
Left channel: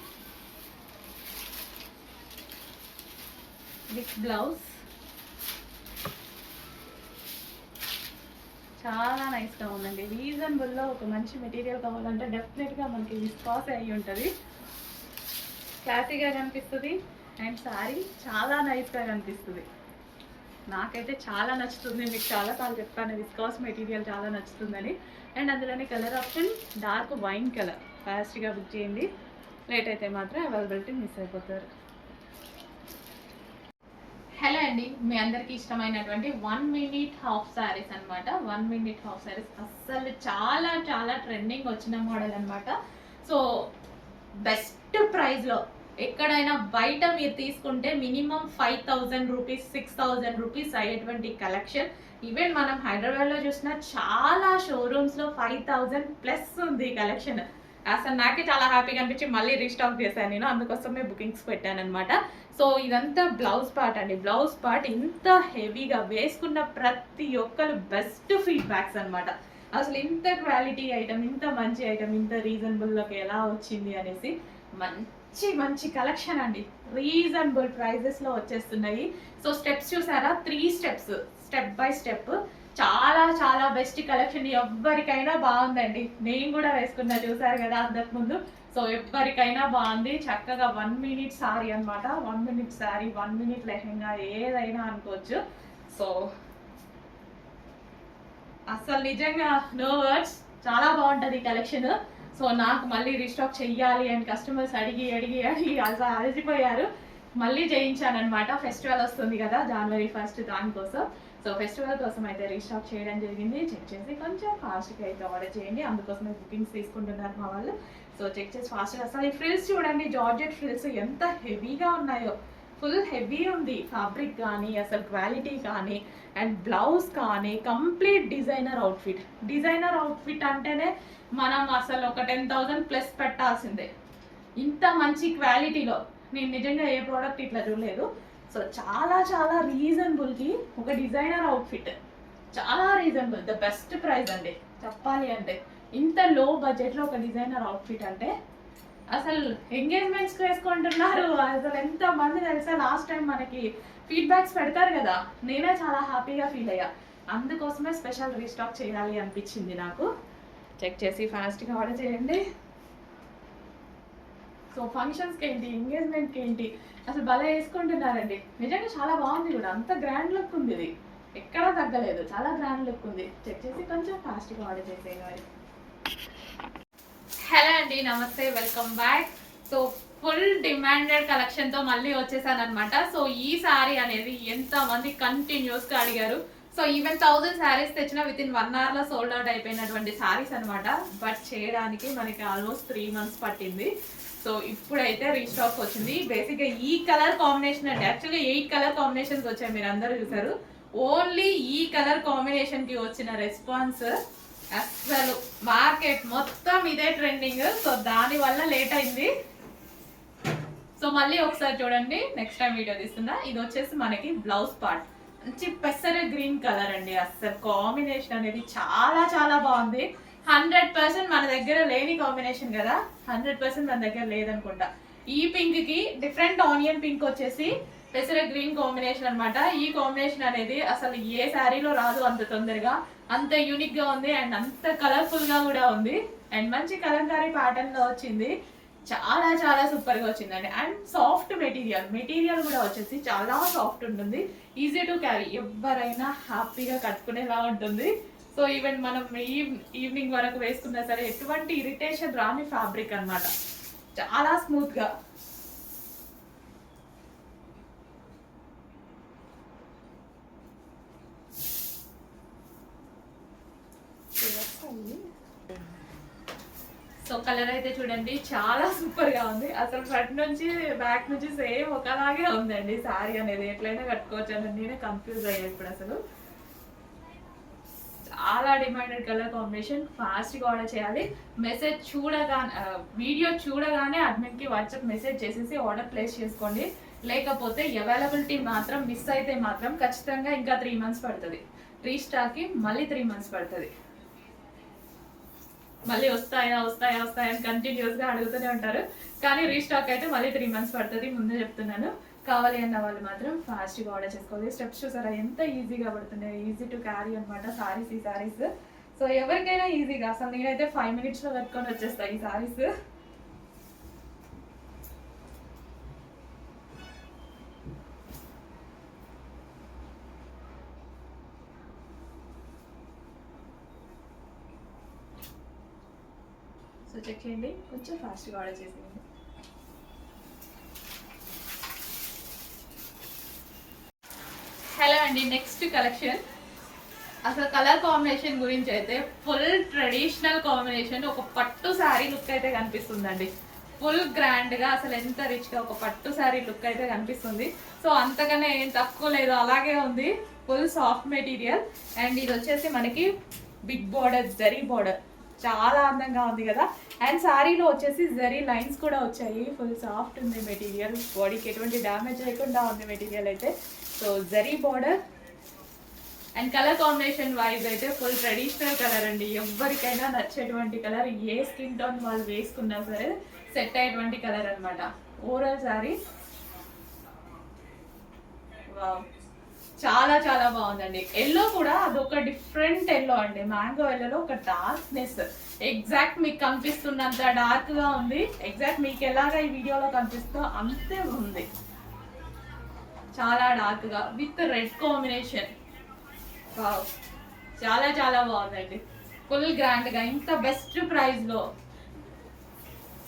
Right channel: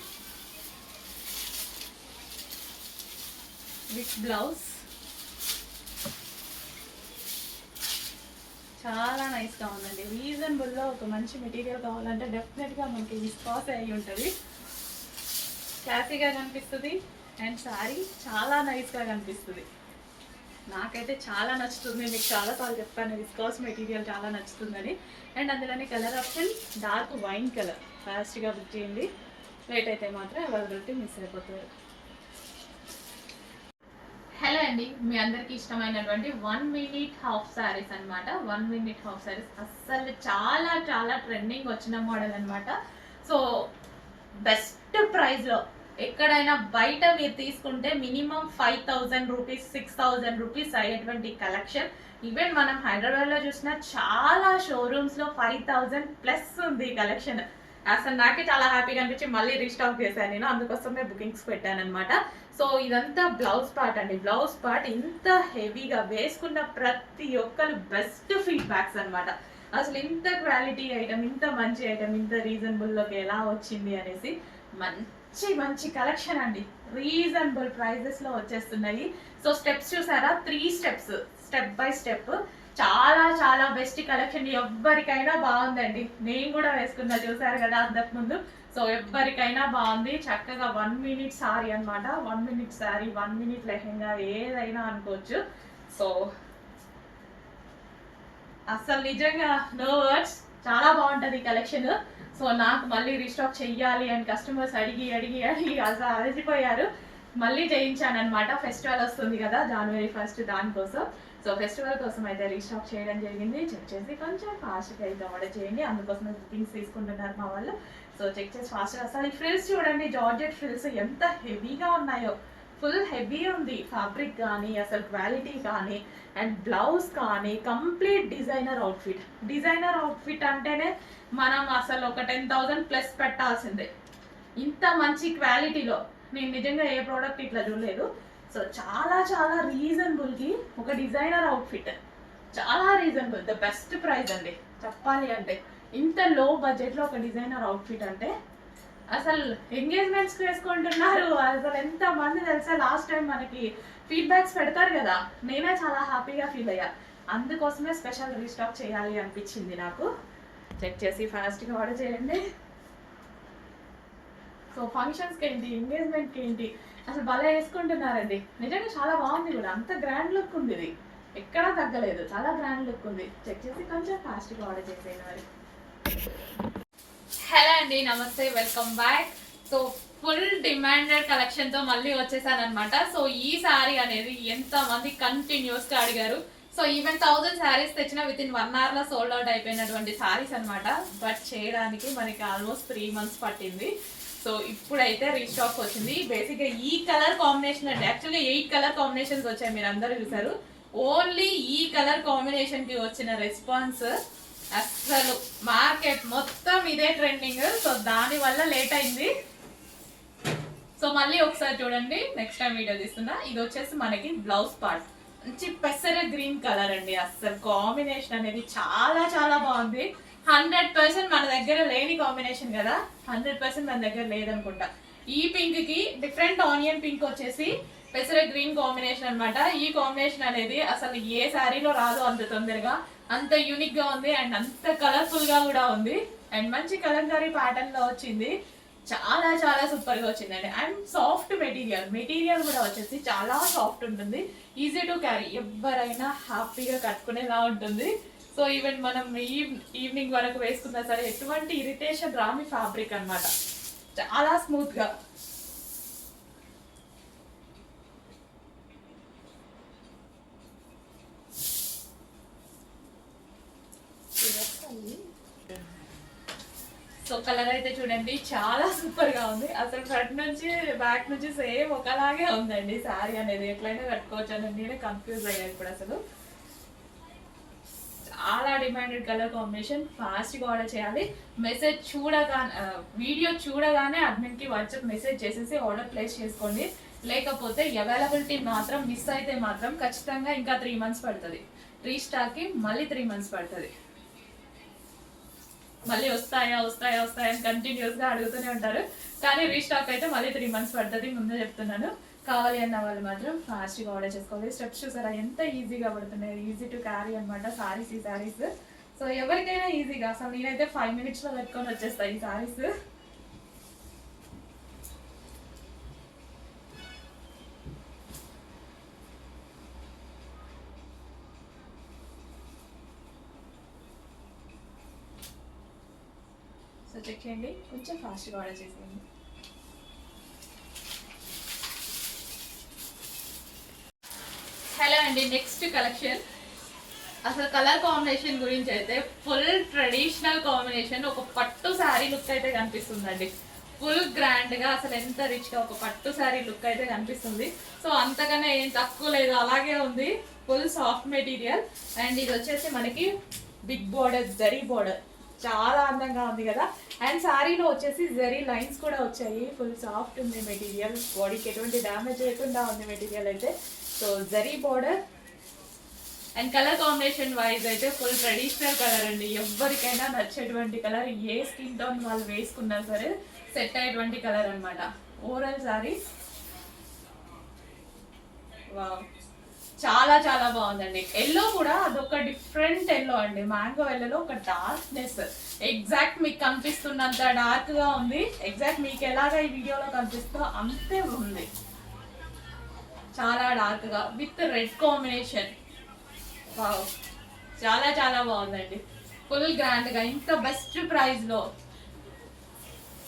with blouse. చాలా నైస్గా ఉందండి. రీజనబుల్లో ఒక మంచి మెటీరియల్ కావాలంటే డెఫినెట్గా మనకి విస్కాస్ అయ్యి ఉంటుంది. క్లాసీగా కనిపిస్తుంది అండ్ శారీ చాలా నైస్గా కనిపిస్తుంది. నాకైతే చాలా నచ్చుతుంది. మీకు చాలాసార్లు చెప్తాను విస్కాస్ మెటీరియల్ చాలా నచ్చుతుందని. అండ్ అందులోని colour option dark wine colour. ఫాస్ట్గా బుక్ చేయండి, లేట్ అయితే మాత్రం అవైలబిలిటీ మిస్ అయిపోతారు. హలో అండి, మీ అందరికి ఇష్టమైనటువంటి 1 minute హాఫ్ శారీస్ అనమాట. 1 minute హాఫ్ శారీస్ అస్సలు చాలా చాలా ట్రెండింగ్ వచ్చిన మోడల్ అనమాట. సో బెస్ట్ ప్రైస్లో ఎక్కడైనా బయట మీరు తీసుకుంటే మినిమం 5000 రూపీస్ 6000 రూపీస్ అయ్యేటువంటి కలెక్షన్. ఈవెన్ మనం హైదరాబాద్లో చూసిన చాలా షోరూమ్స్లో 5000 ప్లస్ ఉంది కలెక్షన్. అసలు నాకే చాలా హ్యాపీగా అనిపించి మళ్ళీ రీస్టాక్ చేశాను నేను, అందుకోసమే బుకింగ్స్ పెట్టాను అనమాట. సో ఇదంతా బ్లౌజ్ పార్ట్ అండి. బ్లౌజ్ పార్ట్ ఇంత హెవీగా వేసుకున్న ప్రతి ఒక్కరు బెస్ట్ ఫీడ్బ్యాక్స్ అనమాట. అసలు ఇంత క్వాలిటీ ఐటమ్, ఇంత మంచి ఐటమ్, ఇంత రీజనబుల్లోకి ఎలా వచ్చింది అనేసి మంచి మంచి కలెక్షన్ అండి. రీజనబుల్ ప్రైజెస్లో వచ్చేస్తున్నాయి. సో స్టెప్స్ చూసారా, 3 స్టెప్స్, స్టెప్ బై స్టెప్. చాలా చాలా బెస్ట్ కలెక్షన్. ఎవ్వరికైనా బాగుందండి. నేను కూడా వేసుకున్నా, చూసారు కదా అంతకుముందు. సో ఎవ్వరికైనా బాగుంది. చక్కగా 1 minute సారీ అనమాట. 1 minute సారీ, 1 minute లెహెంగా, ఏదైనా అనుకోవచ్చు. సో అసలు నిజంగా నో వర్డ్స్, చాలా బాగుంటుంది కలెక్షన్. సో నాకు మళ్ళీ రీస్టాక్ చెయ్యాలి అని కస్టమర్స్ అడిగి అడిగి అడిగి అసలు అలసిపోయారు. మళ్ళీ చేయించాను అనమాట. ఫెస్టివల్ వస్తుంది కదా January 1st, దానికోసం. సో ఫెస్టివల్ కోసం అయితే రీస్టాక్ చేయడం జరిగింది. చెక్ చేసి కొంచెం ఫాస్ట్గా అయితే ఆర్డర్ చేయండి, అందుకోసమే బుకింగ్స్ తీసుకుంటున్నారు మా వాళ్ళు. సో చెక్ చేసి ఫాస్ట్గా. అసలు ఈ ఫ్రిల్స్ చూడండి, జార్జెట్ ఫ్రిల్స్ ఎంత హెవీగా ఉన్నాయో. ఫుల్ హెవీ ఉంది ఫ్యాబ్రిక్ కానీ, అసలు క్వాలిటీ కానీ, అండ్ బ్లౌజ్ కానీ complete designer outfit. Designer outfit అంటేనే మనం అసలు ఒక 10,000 ప్లస్ పెట్టాల్సిందే. ఇంత మంచి క్వాలిటీలో నేను నిజంగా ఏ ప్రోడక్ట్ ఇట్లా చూడలేదు. సో చాలా చాలా రీజనబుల్కి ఒక డిజైనర్ అవుట్ఫిట్, చాలా రీజనబుల్, ద బెస్ట్ ప్రైస్ అండి చెప్పాలి అంటే. ఇంత లో బడ్జెట్లో ఒక డిజైనర్ అవుట్ఫిట్ అంటే అసలు ఎంగేజ్మెంట్స్కి వేసుకుంటున్నారు. అసలు ఎంతమంది తెలుసా, లాస్ట్ టైం మనకి ఫీడ్బ్యాక్స్ పెడతారు కదా, నేనే చాలా హ్యాపీగా ఫీల్ అయ్యా. అందుకోసమే స్పెషల్ రీస్టాక్ చేయాలి అనిపించింది నాకు. చెక్ చేసి ఫాస్ట్గా ఆర్డర్ చేయండి. సో ఫంక్షన్స్కి ఏంటి, ఎంగేజ్మెంట్కి ఏంటి, అసలు భలే వేసుకుంటున్నారండి. నిజంగా చాలా బాగుంది కూడా, అంత గ్రాండ్ లుక్ ఉంది. ఇది ఎక్కడా తగ్గలేదు, చాలా గ్రాండ్ లుక్ ఉంది. చెక్ చేసి కొంచెం ఫాస్ట్గా ఆర్డర్ చేసేయాలి. హలో అండి, నమస్తే, welcome back. So full demanded కలెక్షన్తో మళ్ళీ వచ్చేసాను అనమాట. సో ఈ శారీ అనేది ఎంతమంది కంటిన్యూస్గా అడిగారు. సో ఈవెన్ 1000 శారీస్ తెచ్చిన విత్ ఇన్ 1 hourలో సోల్డ్ అవుట్ అయిపోయినటువంటి శారీస్ అనమాట. బట్ చేయడానికి మనకి ఆల్మోస్ట్ 3 months పట్టింది. సో ఇప్పుడైతే రీస్టాక్ వచ్చింది. బేసిక్గా ఈ కలర్ కాంబినేషన్ అంటే యాక్చువల్గా 8 కలర్ కాంబినేషన్స్ వచ్చాయి, మీరు అందరూ చూసారు. ఓన్లీ ఈ కలర్ కాంబినేషన్కి వచ్చిన రెస్పాన్స్ అసలు మార్కెట్ మొత్తం ఇదే ట్రెండింగ్. సో దానివల్ల లేట్ అయింది. సో మళ్ళీ ఒకసారి చూడండి, నెక్స్ట్ టైం వీడియో తీస్తున్నా. ఇది వచ్చేసి మనకి బ్లౌజ్ పార్ట్, మంచి పెసర గ్రీన్ కలర్ అండి. అసలు కాంబినేషన్ అనేది చాలా చాలా బాగుంది. 100% మన దగ్గర లేని కాంబినేషన్ కదా, 100% మన దగ్గర లేదనుకుంటా. ఈ పింక్ కి డిఫరెంట్ ఆనియన్ పింక్ వచ్చేసి పెసర గ్రీన్ కాంబినేషన్ అనమాట. ఈ కాంబినేషన్ అనేది అసలు ఏ శారీలో రాదు అంత తొందరగా, అంత యూనిక్ గా ఉంది అండ్ అంత కలర్ఫుల్ గా కూడా ఉంది. అండ్ మంచి కలంకారీ ప్యాటర్న్ లో వచ్చింది. చాలా చాలా సూపర్ గా వచ్చిందండి. అండ్ సాఫ్ట్ మెటీరియల్ కూడా వచ్చేసి చాలా సాఫ్ట్ ఉంటుంది. ఈజీ టు క్యారీ, ఎవరైనా హ్యాపీగా కట్టుకునేలా ఉంటుంది. సో ఈవెన్ మనం ఈవినింగ్ వరకు వేసుకున్నా సరే ఎటువంటి ఇరిటేషన్ రాని ఫ్యాబ్రిక్ అనమాట, చాలా స్మూత్ గా. సో కలర్ అయితే చూడండి చాలా సూపర్ గా ఉంది. అసలు ఫ్రంట్ నుంచి బ్యాక్ నుంచి సేమ్ ఒకలాగే ఉందండి శారీ అనేది. ఎట్లయినా కట్టుకోవచ్చు అని నేనే కన్ఫ్యూజ్ అయ్యాను ఇప్పుడు. అసలు చాలా డిమాండెడ్ కలర్ కాంబినేషన్. ఫాస్ట్గా ఆర్డర్ చేయాలి. మెసేజ్ చూడగానే, వీడియో చూడగానే అడ్మిన్కి వాట్సాప్ మెసేజ్ చేసేసి ఆర్డర్ ప్లేస్ చేసుకోండి. లేకపోతే అవైలబిలిటీ మాత్రం మిస్ అయితే మాత్రం ఖచ్చితంగా ఇంకా 3 months పడుతుంది. రీస్టాక్కి మళ్ళీ 3 months పడుతుంది. మళ్ళీ వస్తాయా అని కంటిన్యూస్గా అడుగుతూనే ఉంటారు. కానీ రీస్టాక్ అయితే మళ్ళీ 3 months పడుతుంది, ముందే చెప్తున్నాను. కావాలి అన్న వాళ్ళు మాత్రం ఫాస్ట్గా ఆర్డర్ చేసుకోవాలి. స్టెప్స్ చూసారా ఎంత ఈజీగా పడుతున్నాయి, ఈజీ టు క్యారీ అనమాట సారీస్. ఈ సారీస్ సో ఎవరికైనా ఈజీగా, అసలు నేనైతే 5 minutesలో కట్టుకొని వచ్చేస్తాను ఈ సారీస్. సో చెక్ చేయండి, కొంచెం ఫాస్ట్గా ఆర్డర్ చేసేయండి. హలో అండి, నెక్స్ట్ కలెక్షన్. అసలు కలర్ కాంబినేషన్ గురించి అయితే ఫుల్ ట్రెడిషనల్ కాంబినేషన్. ఒక పట్టు శారీ లుక్ అయితే కనిపిస్తుందండి, ఫుల్ గ్రాండ్గా. అసలు ఎంత రిచ్గా ఒక పట్టు శారీ లుక్ అయితే కనిపిస్తుంది. సో అంతకన్నా ఏం తక్కువ లేదు, అలాగే ఉంది. Full soft material. అండ్ ఇది వచ్చేసి మనకి బిగ్ బోర్డర్, జరీ బోర్డర్, చాలా అందంగా ఉంది కదా. అండ్ శారీలో వచ్చేసి జరీ లైన్స్ కూడా వచ్చాయి. ఫుల్ సాఫ్ట్ ఉంది మెటీరియల్, బాడీకి ఎటువంటి డ్యామేజ్ లేకుండా ఉంది మెటీరియల్ అయితే. So zari border and colour combination wise అయితే ఫుల్ ట్రెడిషనల్ కలర్ అండి. ఎవరికైనా నచ్చేటువంటి కలర్, ఏ స్కిన్ టోన్ వాళ్ళు వేసుకున్నా సరే సెట్ అయ్యేటువంటి కలర్ అనమాట. ఓవరాల్ శారీ వావ్, చాలా చాలా బాగుందండి. ఎల్లో కూడా అదొక డిఫరెంట్ ఎల్లో అండి. మ్యాంగో ఎల్లోలో ఒక డార్క్నెస్, ఎగ్జాక్ట్ మీకు కనిపిస్తున్నంత డార్క్ గా ఉంది. ఎగ్జాక్ట్ మీకు ఎలాగా ఈ వీడియోలో కనిపిస్తుందో అంతే ఉంది, చాలా డార్క్ గా విత్ రెడ్ కాంబినేషన్. వావ్, చాలా చాలా బాగుందండి. ఫుల్ గ్రాండ్ గా, ఇంత బెస్ట్ ప్రైస్ లో.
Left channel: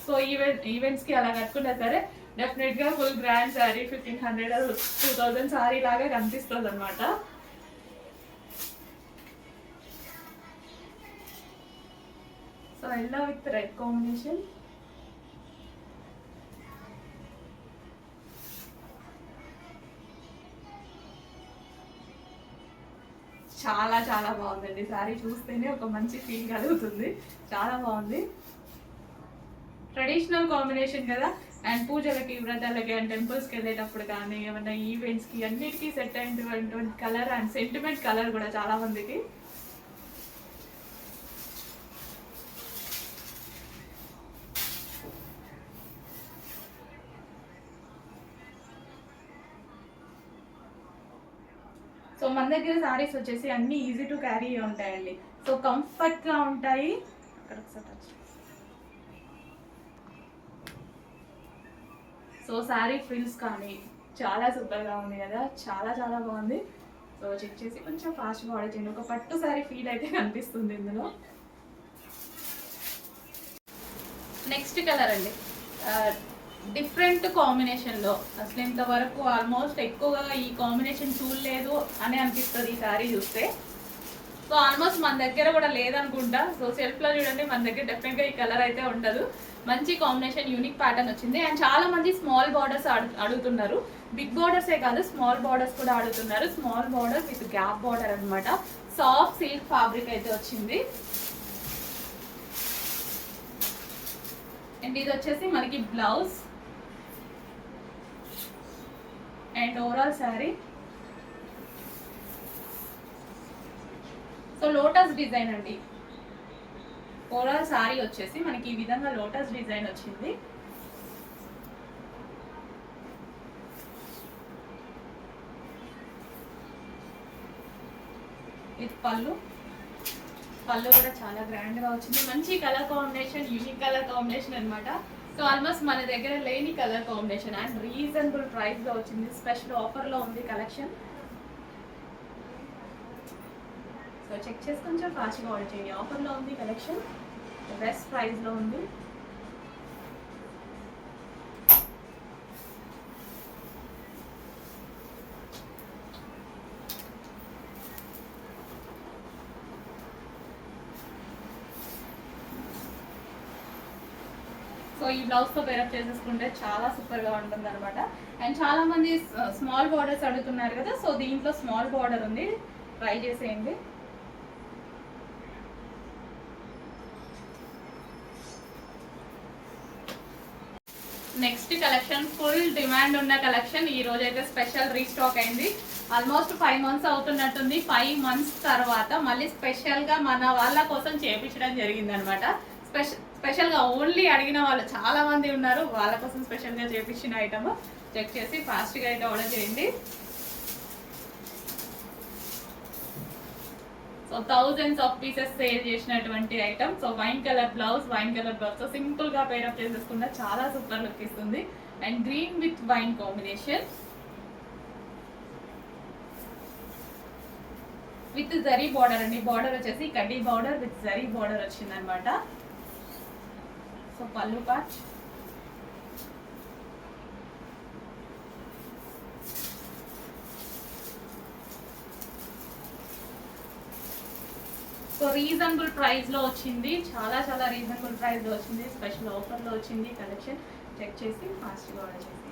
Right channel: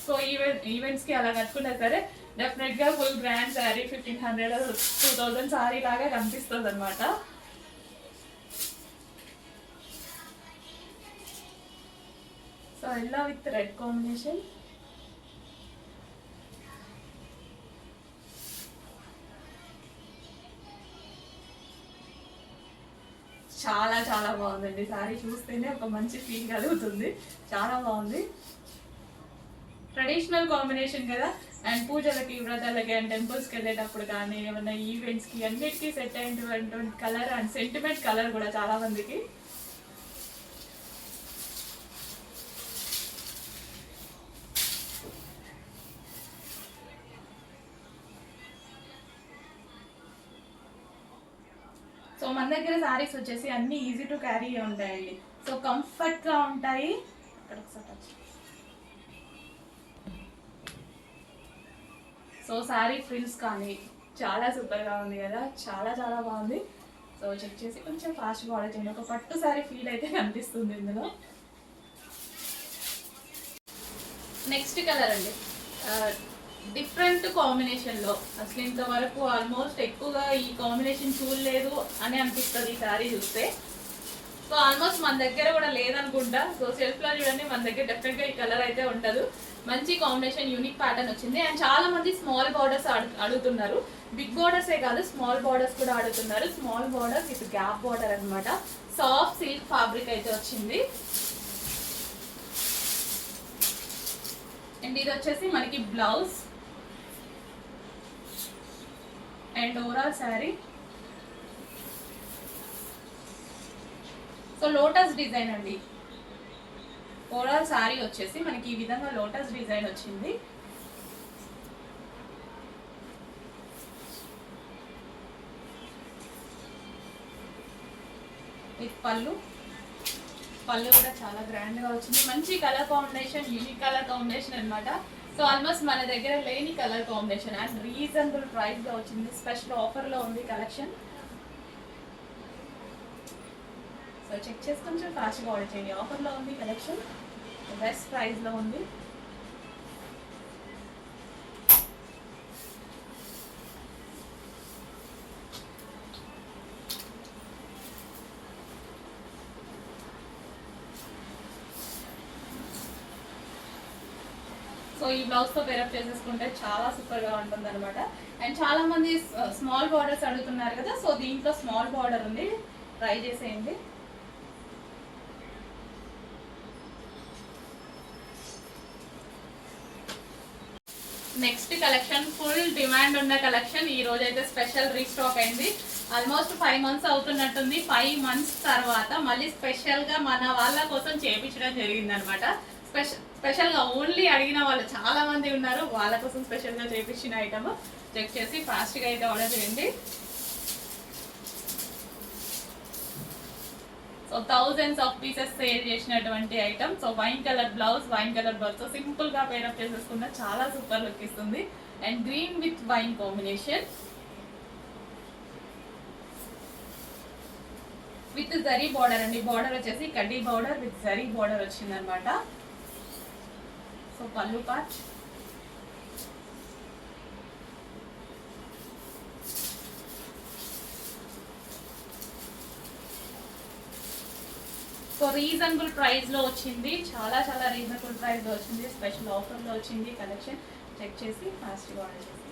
సో ఈవెంట్స్ కి అలా కట్టుకున్నా సరే డెఫినెట్ గా ఫుల్ గ్రాండ్ శారీ 1500 2000 శారీ లాగా కనిపిస్తుంది అనమాట. So yellow with red combination. చాలా చాలా బాగుందండి శారీ. చూస్తేనే ఒక మంచి ఫీల్ కలుగుతుంది, చాలా బాగుంది. ట్రెడిషనల్ కాంబినేషన్ కదా. అండ్ పూజలకి, వ్రతాలకి అండ్ టెంపుల్స్కి వెళ్ళేటప్పుడు కానీ ఏమైనా ఈవెంట్స్కి అన్నిటికీ సెట్ అయినటువంటి కలర్ అండ్ సెంటిమెంట్ కలర్ కూడా చాలా మందికి. సో మన దగ్గర శారీస్ వచ్చేసి అన్ని ఈజీ టు క్యారీ ఉంటాయండి. సో కంఫర్ట్గా ఉంటాయి. అక్కడ ఒకసారి టచ్. సో శారీ ఫ్రిల్స్ కానీ చాలా సూపర్గా ఉంది కదా, చాలా చాలా బాగుంది. సో చెక్ చేసి కొంచెం ఫాస్ట్గా ఆర్డర్ చేయండి. ఒక పట్టు శారీ ఫీల్ అయితే కనిపిస్తుంది ఇందులో. నెక్స్ట్ కలర్ అండి, డిఫరెంట్ కాంబినేషన్లో. అసలు ఇంతవరకు ఆల్మోస్ట్ ఎక్కువగా ఈ కాంబినేషన్ చూడలేదు అని అనిపిస్తుంది ఈ శారీ చూస్తే. సో ఆల్మోస్ట్ మన దగ్గర కూడా లేదనుకుంటా. సో సెల్ఫ్లో చూడండి, మన దగ్గర డెఫినెట్గా ఈ కలర్ అయితే ఉండదు. మంచి కాంబినేషన్, యూనిక్ ప్యాటర్న్ వచ్చింది. అండ్ చాలా మంది స్మాల్ బార్డర్స్ అడుగుతున్నారు. బిగ్ బార్డర్సే కాదు, స్మాల్ బార్డర్స్ కూడా అడుగుతున్నారు. Small border with gap border అనమాట. సాఫ్ట్ సిల్క్ ఫ్యాబ్రిక్ అయితే వచ్చింది. అండ్ ఇది వచ్చేసి మనకి blouse and overall sari. So lotus design అండి. ఓవరాల్ శారీ వచ్చేసి మనకి ఈ విధంగా లోటస్ డిజైన్ వచ్చింది. విత్ పళ్ళు కూడా చాలా గ్రాండ్గా వచ్చింది. మంచి colour combination, unique colour combination అనమాట. సో ఆల్మోస్ట్ మన దగ్గర లేని కలర్ కాంబినేషన్ అండ్ రీజనబుల్ ప్రైస్గా వచ్చింది. స్పెషల్ ఆఫర్లో ఉంది కలెక్షన్. సో చెక్ చేసి కొంచెం ఫాస్ట్గా ఆర్డర్ చేయండి. ఆఫర్లో ఉంది కలెక్షన్, బెస్ట్ ప్రైస్లో ఉంది. సో ఈ బ్లౌజ్తో పేరప్ చేసేసుకుంటే చాలా సూపర్గా ఉంటుంది అనమాట. అండ్ చాలా మంది స్మాల్ బార్డర్స్ అడుగుతున్నారు కదా, సో దీంట్లో స్మాల్ బార్డర్ ఉంది, ట్రై చేసేయండి. నెక్స్ట్ కలెక్షన్ ఫుల్ డిమాండ్ ఉన్న కలెక్షన్. ఈ రోజు అయితే స్పెషల్ రీస్టాక్ అయింది. Almost 5 months అవుతున్నట్టుంది. 5 months తర్వాత మళ్ళీ స్పెషల్గా మన వాళ్ళ కోసం చేయించడం జరిగింది అనమాట. స్పెషల్గా ఓన్లీ అడిగిన వాళ్ళు చాలా మంది ఉన్నారు, వాళ్ళ కోసం స్పెషల్గా చేయించిన ఐటమ్. చెక్ చేసి ఫాస్ట్గా అయితే ఆర్డర్ చేయండి. So thousands of pieces sale చేసినటువంటి item. So wine colour blouse, wine colour blouse సింపుల్గా పేరప్ చేసేసుకున్న చాలా సూపర్ లుక్ ఇస్తుంది. And green with wine combination with zari border అండి. బార్డర్ వచ్చేసి కడ్డీ బార్డర్ విత్ జరీ బార్డర్ వచ్చింది అనమాట. సో పళ్ళు పార్ట్, సో రీజనబుల్ ప్రైస్లో వచ్చింది. చాలా చాలా రీజనబుల్ ప్రైస్లో వచ్చింది. స్పెషల్ ఆఫర్లో వచ్చింది కలెక్షన్. చెక్ చేసి ఫాస్ట్గా ఆర్డర్ చేసి.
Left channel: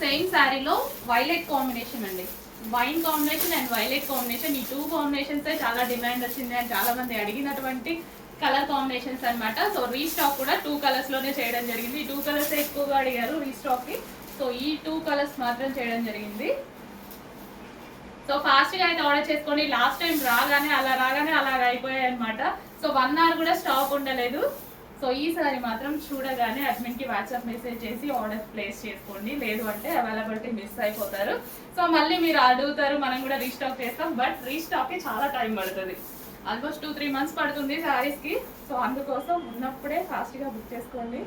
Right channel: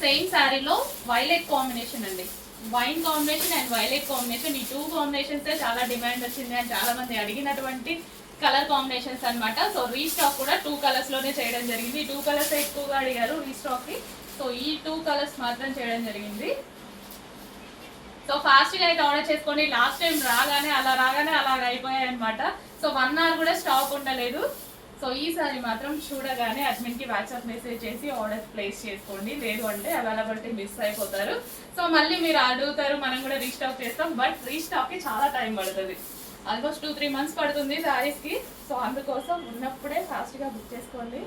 సేమ్ శారీలో వైలెట్ కాంబినేషన్ అండి. Wine combination and violet combination, ఈ 2 కాంబినేషన్స్ చాలా డిమాండ్ వచ్చింది అండ్ చాలా మంది అడిగినటువంటి కలర్ కాంబినేషన్స్ అనమాట. సో రీస్టాక్ కూడా 2 కలర్స్లోనే చేయడం జరిగింది. ఈ 2 కలర్స్ ఎక్కువగా అడిగారు రీస్టాక్కి. సో ఈ 2 కలర్స్ మాత్రం చేయడం జరిగింది. సో ఫాస్ట్గా అయితే ఆర్డర్ చేసుకోండి. లాస్ట్ టైం రాగానే అలాగ అయిపోయాయి అనమాట. సో 1 hour కూడా స్టాక్ ఉండలేదు. సో ఈసారి మాత్రం చూడగానే అడ్మిన్కి వాట్సాప్ మెసేజ్ చేసి ఆర్డర్ ప్లేస్ చేసుకోండి, లేదు అంటే అవైలబిలిటీ మిస్ అయిపోతారు. సో మళ్ళీ మీరు అడుగుతారు, మనం కూడా రీస్టాక్ చేస్తాం, బట్ రీస్టాక్కి చాలా టైం పడుతుంది. ఆల్మోస్ట్ 2-3 months పడుతుంది శారీస్కి. సో అందుకోసం ఉన్నప్పుడే ఫాస్ట్గా బుక్ చేసుకోండి.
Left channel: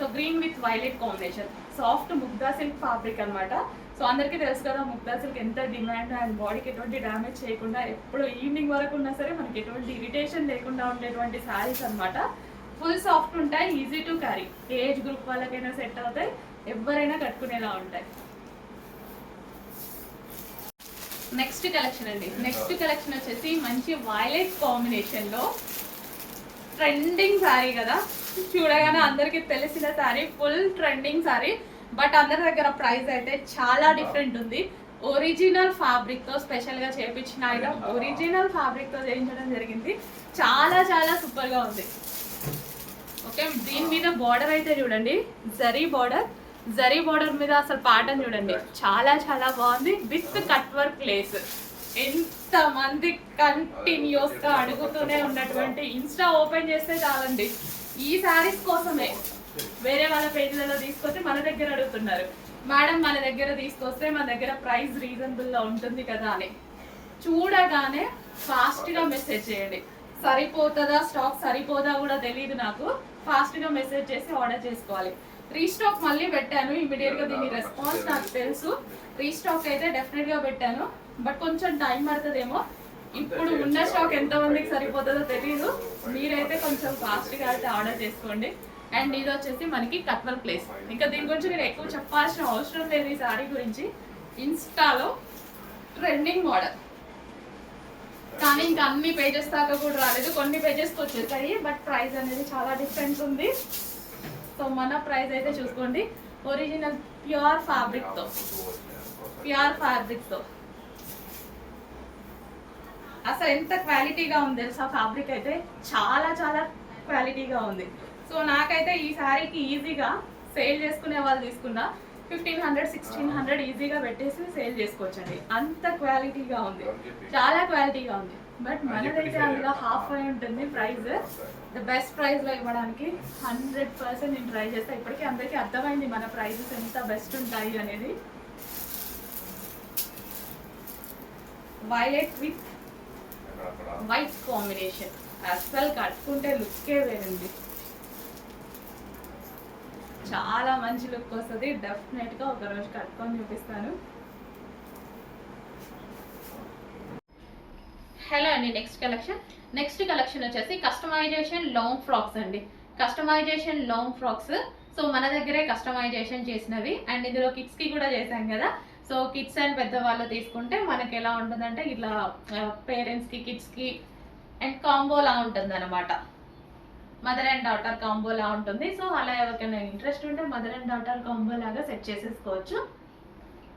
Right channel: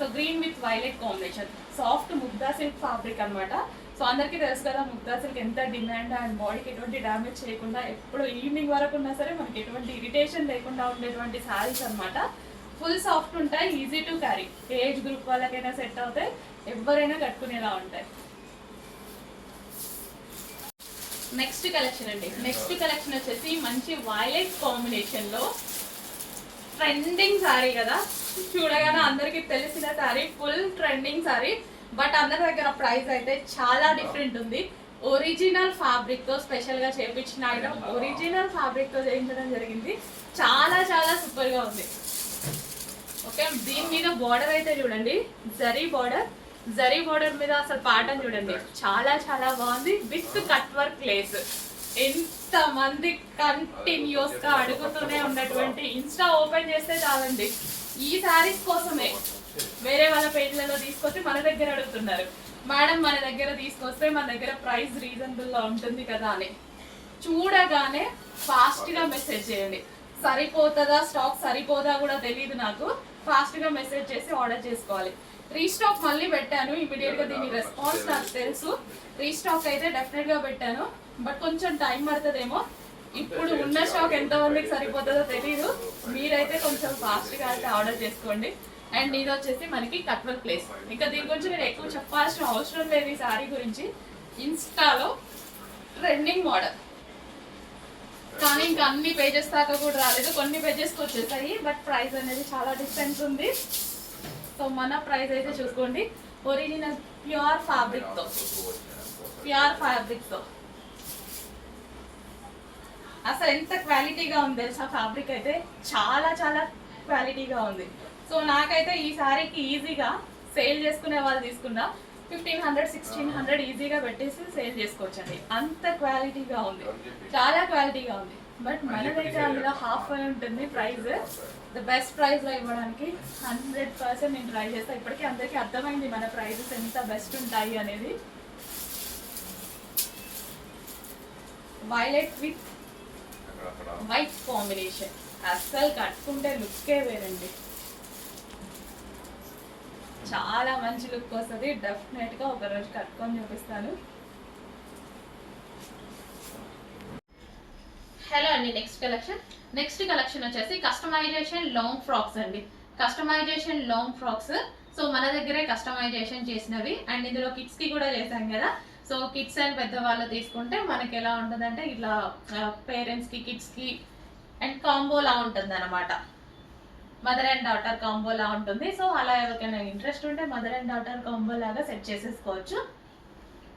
So green with violet combination, soft Mugdha silk fabric అనమాట. సో అందరికీ తెలుసు కదా ముగ్దా సిల్క్ ఎంత డిమాండ్, అండ్ బాడీకి ఎటువంటి డ్యామేజ్ చేయకుండా ఎప్పుడు ఈవినింగ్ వరకు ఉన్నా సరే మనకి ఎటువంటి ఇరిటేషన్ లేకుండా ఉండేటువంటి శారీస్ అనమాట. ఫుల్ సాఫ్ట్ ఉంటాయి, easy to carry, age group వాళ్ళకైనా సెట్ అవుతాయి, ఎవరైనా కట్టుకునేలా ఉంటాయి. నెక్స్ట్ కలెక్షన్ అండి. నెక్స్ట్ కలెక్షన్ వచ్చేసి మంచి వైలెట్ కాంబినేషన్లో ట్రెండింగ్ శారీ కదా, చూడగానే అందరికీ తెలిసిన sari, full trending sari. But అందరి దగ్గర ప్రైస్ అయితే చాలా డిఫరెంట్ ఉంది. ఒరిజినల్ ఫ్యాబ్రిక్తో స్పెషల్గా చేయించిన ఐటమ్, ఒరిజినల్ ఫ్యాబ్రిక్తో చేయించడం జరిగింది. చాలా చాలా సూపర్గా ఉంది. ఓకే, దీని మీద బార్డర్ అయితే చూడండి, జరీ బార్డర్ మీద అసలు ప్యాటర్న్ చూడండి, చాలా చాలా బాగుంది. With cut work lace. ఎంతమంది కంటిన్యూస్గా అడుగుతూనే ఉన్నటువంటి, ఇన్స్టా ఓపెన్ చేస్తే చాలండి ఈ శారీస్ కోసమే వేరే వాళ్ళ పేజ్లలో తీసుకొచ్చి మన దగ్గర అడుగుతున్నారు, మేడం మన దగ్గర తీసుకొస్తే మన దగ్గర ప్రైస్ రీజనబుల్లో ఉంటుంది కదా అని. చూడగానే ఫాస్ట్గా మెసేజ్ చేయండి. సరిపోతుందా, స్టాక్ సరిపోదా కూడా తెలియదు నాకు. ఫాస్ట్గా మెసేజ్ చేసి ఆర్డర్ చేసుకోవాలి. రీస్టాక్ మళ్ళీ పెట్టాను ఇమీడియట్గా, దీని రెస్పాన్స్ నాకు తెలుసు. రీస్టాక్ అయితే డెఫినెట్గా పెట్టాను, బట్ కొంచెం టైం పడుతుందేమో. ఇప్పుడు ఉన్న స్టాక్ ఎంతమందికి సరిపోతుందో తెలియదు. మీరైతే కొంచెం ఫాస్ట్గా అయితే ఆర్డర్ చేసుకోండి. అండ్ ఇది వచ్చేసి మనకి కట్వల్ ప్లేస్. ఇంకా దీని గురించి నేను ఎక్కువ చెప్పాల్సిన అవసరం లేదు. ఈ సారీ గురించి ఇన్స్టాలో ట్రెండింగ్ మోడల్, కానీ ఇంకా అన్ని పేజెస్ దాకా కూడా రాలేదు, కొన్ని పేజెస్కి వచ్చేసాయి. బట్ ప్రైస్ అనేది చాలా డిఫరెన్స్ ఉంది. సో మన ప్రైస్ అయితే చూసుకోండి, ఒరిజినల్ ప్యూర్ ఫ్యాబ్రిక్తో అసలు ఎంత క్వాలిటీగా ఉంది తెలుసా. ఫ్యాబ్రిక్ అయితే చాలా చాలా క్వాలిటీగా ఉంది. సో నాకైతే ఈ సారీకి ఈజీగా సేల్ చేసుకునే వాళ్ళు తీసుకున్నా 1500 1600 ఈజీగా పెట్టేసి సేల్ చేసుకోవచ్చండి. అంత క్వాలిటీగా ఉంది, చాలా క్వాలిటీగా ఉంది. బట్ మన దగ్గర అందులో హాఫ్ ఉంటుంది ప్రైస్. ద బెస్ట్ ప్రైస్లో ఇవ్వడానికి 100% నేను ట్రై చేస్తాను. ఇప్పటికీ అందరికీ అర్థమైంది మన ప్రైజెస్ ఎంత బెస్ట్ ఉంటాయి అనేది. వైలెట్ విత్ వైట్ కాంబినేషన్, అస్సలు కట్టుకుంటే లుక్కే వేరండి. చాలా మంచి లుక్ వస్తుంది. డెఫినెట్గా ఒకరోజు కట్టుకొని చూపిస్తాను. హలో అండి, నెక్స్ట్ కలెక్షన్ వచ్చేసి కస్టమైజేషన్ లాంగ్ ఫ్రాక్స్ అండి. Customisation long frocks. సో మన దగ్గరే కస్టమైజేషన్ చేసినవి. అండ్ ఇందులో కిడ్స్కి కూడా చేసాం కదా. సో కిడ్స్ అండ్ పెద్దవాళ్ళు తీసుకుంటే మనకి ఎలా ఉంటుందంటే ఇట్లా పేరెంట్స్కి కిడ్స్కి అండ్ కాంబోలా ఉంటుంది అనమాట. మదర్ అండ్ డాటర్ కాంబోలా ఉంటుంది. సో అలా ఎవరికైనా ఇంట్రెస్ట్ ఉంటే మదర్ అండ్ డాటర్ కాంబో లాగా సెట్ చేసేసుకోవచ్చు.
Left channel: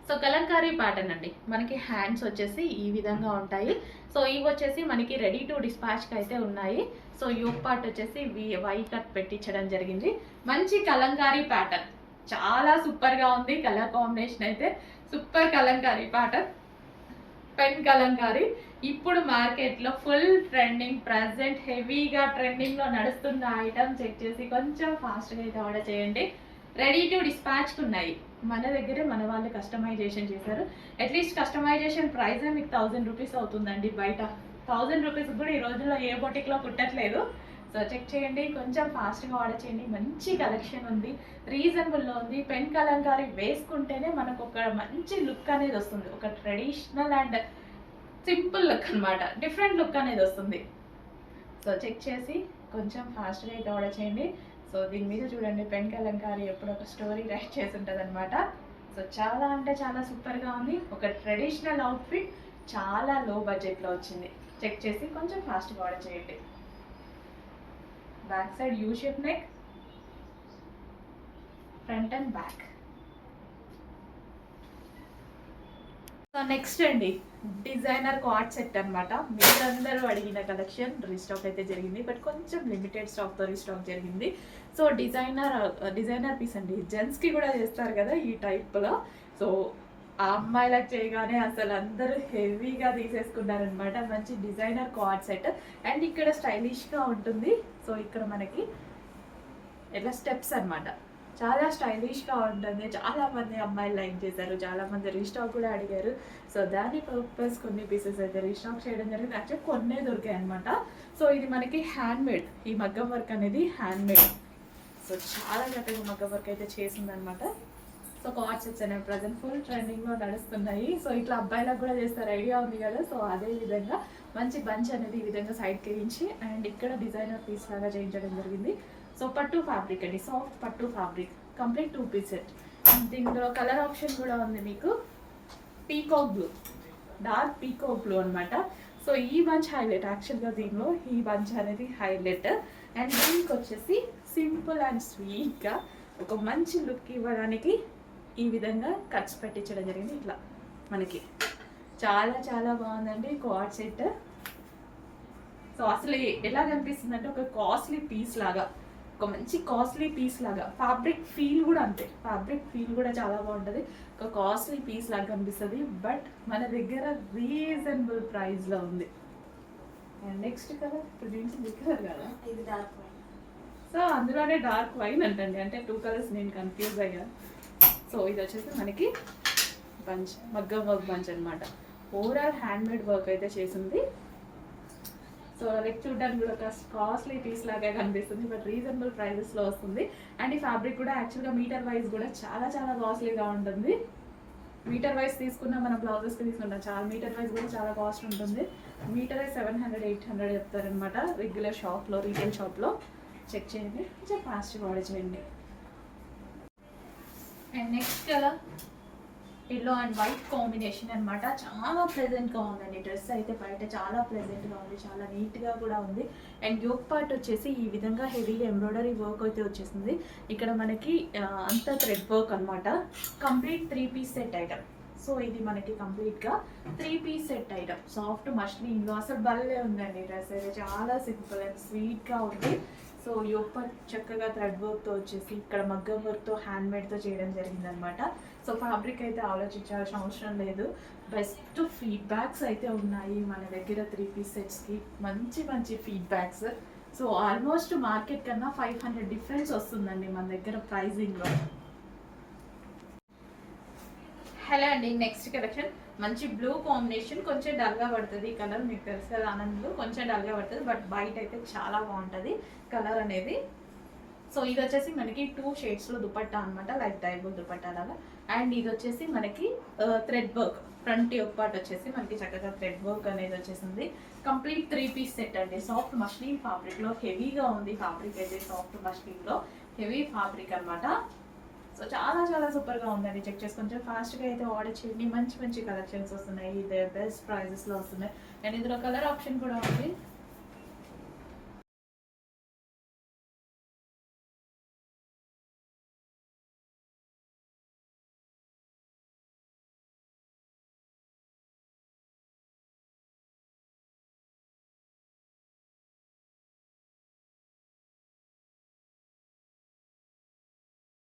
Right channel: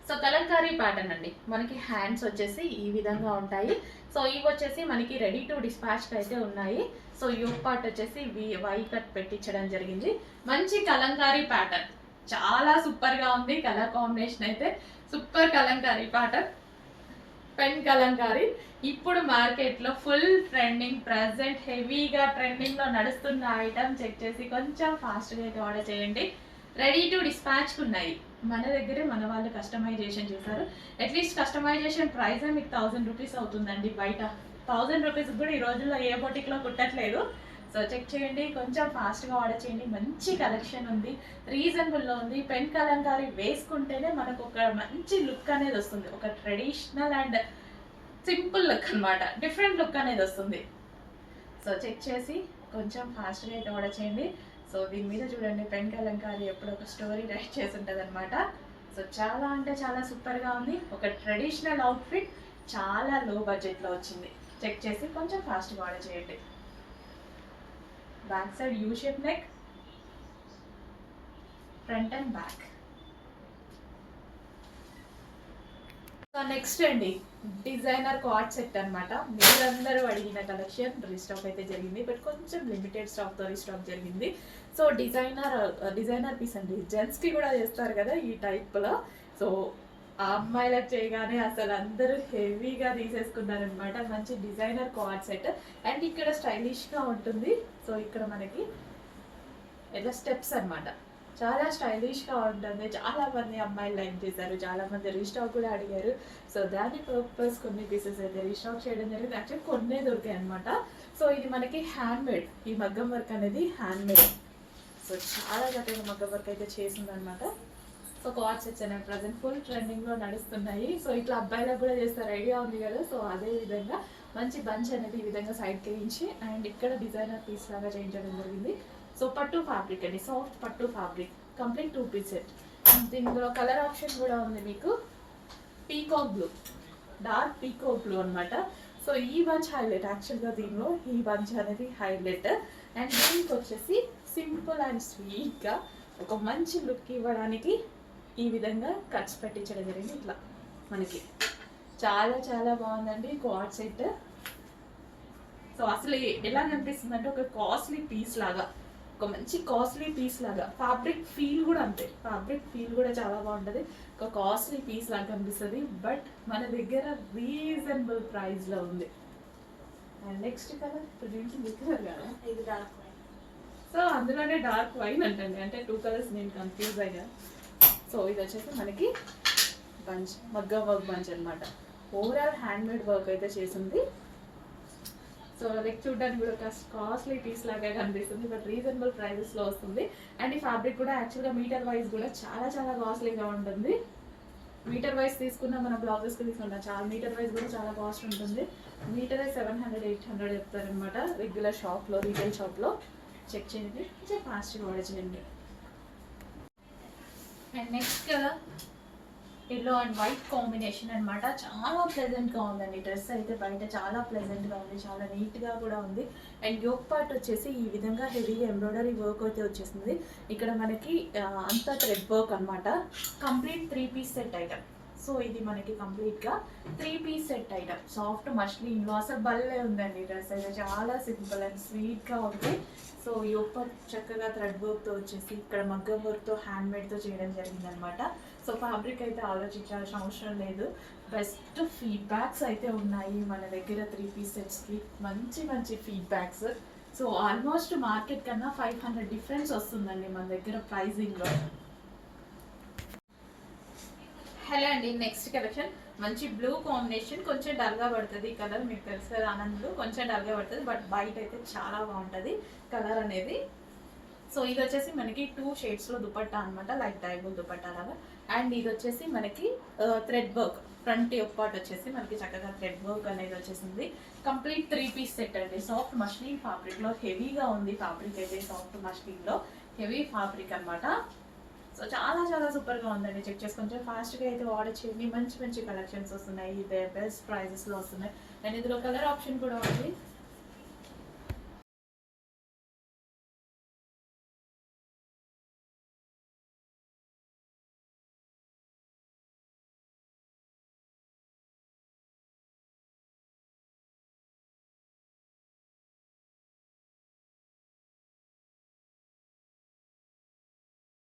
సో కలంకారీ ప్యాటర్న్ అండి. మనకి హ్యాండ్స్ వచ్చేసి ఈ విధంగా ఉంటాయి. సో ఇవి వచ్చేసి మనకి రెడీ టు డిస్పాచ్కి అయితే ఉన్నాయి. సో యోక్ పార్ట్ వచ్చేసి వై కట్ పెట్టించడం జరిగింది. మంచి కలంకారీ ప్యాటర్న్, చాలా సూపర్గా ఉంది. కలర్ కాంబినేషన్ అయితే super Kalamkari pattern, pen Kalamkari. ఇప్పుడు మార్కెట్లో ఫుల్ ట్రెండింగ్, ప్రెసెంట్ హెవీగా ట్రెండింగ్లో నడుస్తున్న ఐటమ్. చెక్ చేసి కొంచెం ఫాస్ట్గా అయితే ఆర్డర్ చేయండి. రెడీ టు డిస్పాచ్కి ఉన్నాయి. మన దగ్గర మన వాళ్ళు కస్టమైజేషన్ చేశారు. అట్లీస్ట్ కస్టమైజేషన్ ప్రైజే మీకు 1000 రూపీస్ అవుతుందండి. బయట 1000 రూపీస్ కూడా ఈ రోజుల్లో ఏ బొటిక్లో కుట్టట్లేదు. సో చెక్ చేయండి, కొంచెం ఫాస్ట్గా ఆర్డర్ చేయండి. మంచి కలెక్షన్ ఉంది, రీజనబుల్లో ఉంది. పెన్ కలంకారీ వేసుకుంటేనే మనకు ఒక మంచి లుక్ అనేది వస్తుంది. ఒక ట్రెడిషనల్ అండ్ సింపుల్ లుక్ అనమాట, డిఫరెంట్ లుక్ అనేది వస్తుంది. సో చెక్ చేసి కొంచెం ఫాస్ట్గా అయితే ఆర్డర్ చేయండి. సో దీని మీద చూడండి, పెన్ కలంకారీ ఎప్పుడు ఒక స్టోరీ రైట్ చేసి ఉంటుంది అనమాట. సో చాలా అంటే చాలా సూపర్గా ఉంది. ఒక ట్రెడిషనల్ అవుట్ఫిట్ చాలా లో బడ్జెట్లో వచ్చింది. చెక్ చేసి కొంచెం ఫాస్ట్గా ఆర్డర్ చేయండి. Back side U shape neck, front and back. So next అండి, డిజైనర్ కార్డ్ సెట్ అనమాట. మీరందరూ అడిగిన కలెక్షన్ రీస్టాక్ అయితే జరిగింది, బట్ కొంచెం లిమిటెడ్ స్టాక్తో రీస్టాక్ జరిగింది. సో డిజైనర్ పీస్ అండి. జెంట్స్కి కూడా చేస్తారు కదా ఈ టైప్లో. సో ఆ అమ్మాయిలకు చేయగానే అసలు అందరూ హెవీగా తీసేసుకున్నారనమాట. మంచి డిజైనర్ కార్డ్ సెట్. అండ్ ఇక్కడ స్టైలిష్గా ఉంటుంది. సో ఇక్కడ మనకి ఇట్లా స్టెప్స్ అనమాట, చాలా స్టైలిష్గా ఉంటుంది. చాలామంది అమ్మాయిలు లైక్ చేశారు, చాలామంది రీస్టాక్ కూడా అడిగారు. సో దాని పర్పస్ కొన్ని పీసెస్ అయితే రీస్టాక్ చేయడం జరిగింది. యాక్చువల్లీ కొన్నే దొరికాయి అనమాట. సో ఇది మనకి హ్యాండ్మేడ్, ఈ మగ్గం వర్క్ అనేది హ్యాండ్మేడ్. సో చాలా చక్కగా మగ్గం వర్క్ అయితే చేసిందనమాట. సో కార్డ్ సెట్స్ అనేవి ప్రజెంట్ ఫుల్ ట్రెండింగ్లో నడుస్తున్నాయి. సో ఇట్లా అబ్బాయిలకు కూడా చేస్తారు, ఐడియా ఉంది కదా. సో అదే విధంగా మంచి బంచ్ అనేది ఈ విధంగా సైడ్కి వేయించి అండ్ ఇక్కడ డిజైనర్ పీస్ లాగా చేయించడం జరిగింది. సో పట్టు ఫ్యాబ్రిక్ అండి, సాఫ్ట్ పట్టు ఫ్యాబ్రిక్, కంప్లీట్ 2 పీస్ సెట్. దీనిలో కలర్ ఆప్షన్ కూడా ఉంది మీకు. Peacock blue, dark peacock blue అనమాట. సో ఈ బంచ్ హైలైట్, యాక్చువల్గా దీనిలో ఈ బంచ్ అనేది హైలైట్. అండ్ దీనికి వచ్చేసి సింపుల్ అండ్ స్వీట్గా ఒక మంచి లుక్ ఇవ్వడానికి ఈ విధంగా కట్స్ పెట్టించడం జరిగింది. ఇట్లా మనకి చాలా చాలా బాగుందండి కార్డ్ సెట్. సో అసలు ఎలా కనిపిస్తుంది అంటే ఒక కాస్ట్లీ పీస్ లాగా, ఒక మంచి కాస్ట్లీ పీస్ లాగా. ఫ్యాబ్రిక్ ఫీల్ కూడా అంతే, ఫ్యాబ్రిక్ ఫీల్ కూడా చాలా బాగుంటుంది. ఒక కాస్ట్లీ పీస్ లాగా కనిపిస్తుంది, బట్ మన దగ్గర రీజనబుల్ ప్రైస్లో ఉంది. అండ్ నెక్స్ట్ కలర్ ఇప్పుడు దీంట్లో కలర్ కదా, ఇది డార్క్ వైన్. సో అందులోనే డార్క్ వైన్ అంటండి, అంటే 2 కలర్స్ నేను కన్ఫ్యూజ్ అయ్యా. సో ఇది వచ్చేసి మనకి బంచ్, మగ్గం వర్క్ బంచ్ అనమాట. ఓవరాల్ హ్యాండ్మేడ్ వర్క్ అయితే చేసింది. సో లైక్ చూడడానికి కూడా ఒక కాస్ట్లీ పీస్ లాగా కనిపిస్తుంది, బట్ రీజనబుల్ ప్రైజెస్లో వస్తుంది. అండ్ ఈ ఫ్యాబ్రిక్ కూడా యాక్చువల్గా మీటర్ వైజ్ కూడా చాలా చాలా కాస్ట్లీగా ఉంటుంది. మీటర్ వైజ్ తీసుకున్న మన బ్లౌజెస్కి తీసుకుంటాం, చాలా మీటర్ వైజ్ కూడా చాలా కాస్ట్ ఉంటుంది. మీటర్ 700-800 చెప్తారనమాట రెగ్యులర్ షాప్లో, రీటైల్ షాప్లో. చెక్ చేయండి, కొంచెం ఫాస్ట్గా ఆర్డర్ చేయండి. And next colour yellow and white combination అనమాట. చాలా ప్లెజెంట్గా ఉందండి డ్రెస్ అయితే, బయట చాలా ప్లెజెంట్గా ఉంది, చాలా నీట్గా కూడా ఉంది. అండ్ యోక్ పార్ట్ వచ్చేసి ఈ విధంగా హెవీగా ఎంబ్రాయిడరీ వర్క్ అయితే వచ్చేసింది. ఇక్కడ మనకి అంతా థ్రెడ్ వర్క్ అనమాట. Complete 3 piece set item. సో ఇది మనకి కంప్లీట్గా 3 పీస్ సెట్ ఐటమ్. సాఫ్ట్ మష్లీన్లో అసలు భలే ఉందండి డ్రెస్ అయితే, చాలా సింపుల్ అండ్ స్వీట్గా ఉంది. సో యోక్ పార్ట్ చక్కగా థ్రెడ్ వర్క్తో వచ్చేసి ఇక్కడ మగ్గం వర్క్తో హ్యాండ్మేడ్తో చేయడం జరిగిందనమాట. సో ఫ్యాబ్రిక్ అయితే ఆలోచించాల్సిన అవసరం లేదు. బెస్ట్ ఫీడ్బ్యాక్స్ అయితే ఉన్నాయి మన దగ్గర 3 పీస్ సెట్స్కి, మంచి మంచి ఫీడ్బ్యాక్స్. సో ఆల్మోస్ట్ మార్కెట్ కన్నా 500 డిఫరెన్స్ వస్తుందండి మన దగ్గర ప్రైజింగ్లో. హలో అండి, నెక్స్ట్ కలెక్షన్ మంచి బ్లూ కాంబినేషన్, కొంచెం డల్గా పడుతుంది ఈ కలర్, మీకు తెలుసు కదా ఆనంద్ బ్లూ, కొంచెం డల్గా పడుతుంది, బట్ బయట అయితే చాలా బాగుంటుంది కలర్ అనేది. సో ఇది వచ్చేసి మనకి 2 షేడ్స్లో దుపట్టా అనమాట, లైక్ డైబుల్ దుపట్టా లాగా. అండ్ ఇది వచ్చేసి మనకి థ్రెడ్ వర్క్, ఫ్రంట్ యొక్క పార్ట్ వచ్చేసి మనకి చక్కగా థ్రెడ్ వర్క్ అనేది వచ్చేసింది. కంప్లీట్ 3 పీస్ సెట్ అండి. సాఫ్ట్ మష్లీన్ ఫ్యాబ్రిక్లో హెవీగా ఉంది ఫ్యాబ్రిక్ అయితే, సాఫ్ట్ మష్లీన్లో హెవీ ఫ్యాబ్రిక్ అనమాట. సో చాలా చాలా సూపర్గా ఉందండి, చెక్ చేసి కొంచెం ఫాస్ట్గా అయితే ఆర్డర్ చేయండి. మంచి మంచి కలెక్షన్స్ వస్తున్నాయి, ఇదే బెస్ట్ ప్రైజెస్లో వస్తున్నాయి. అండ్ ఇందులో కలర్ ఆప్షన్ కూడా ఉంది.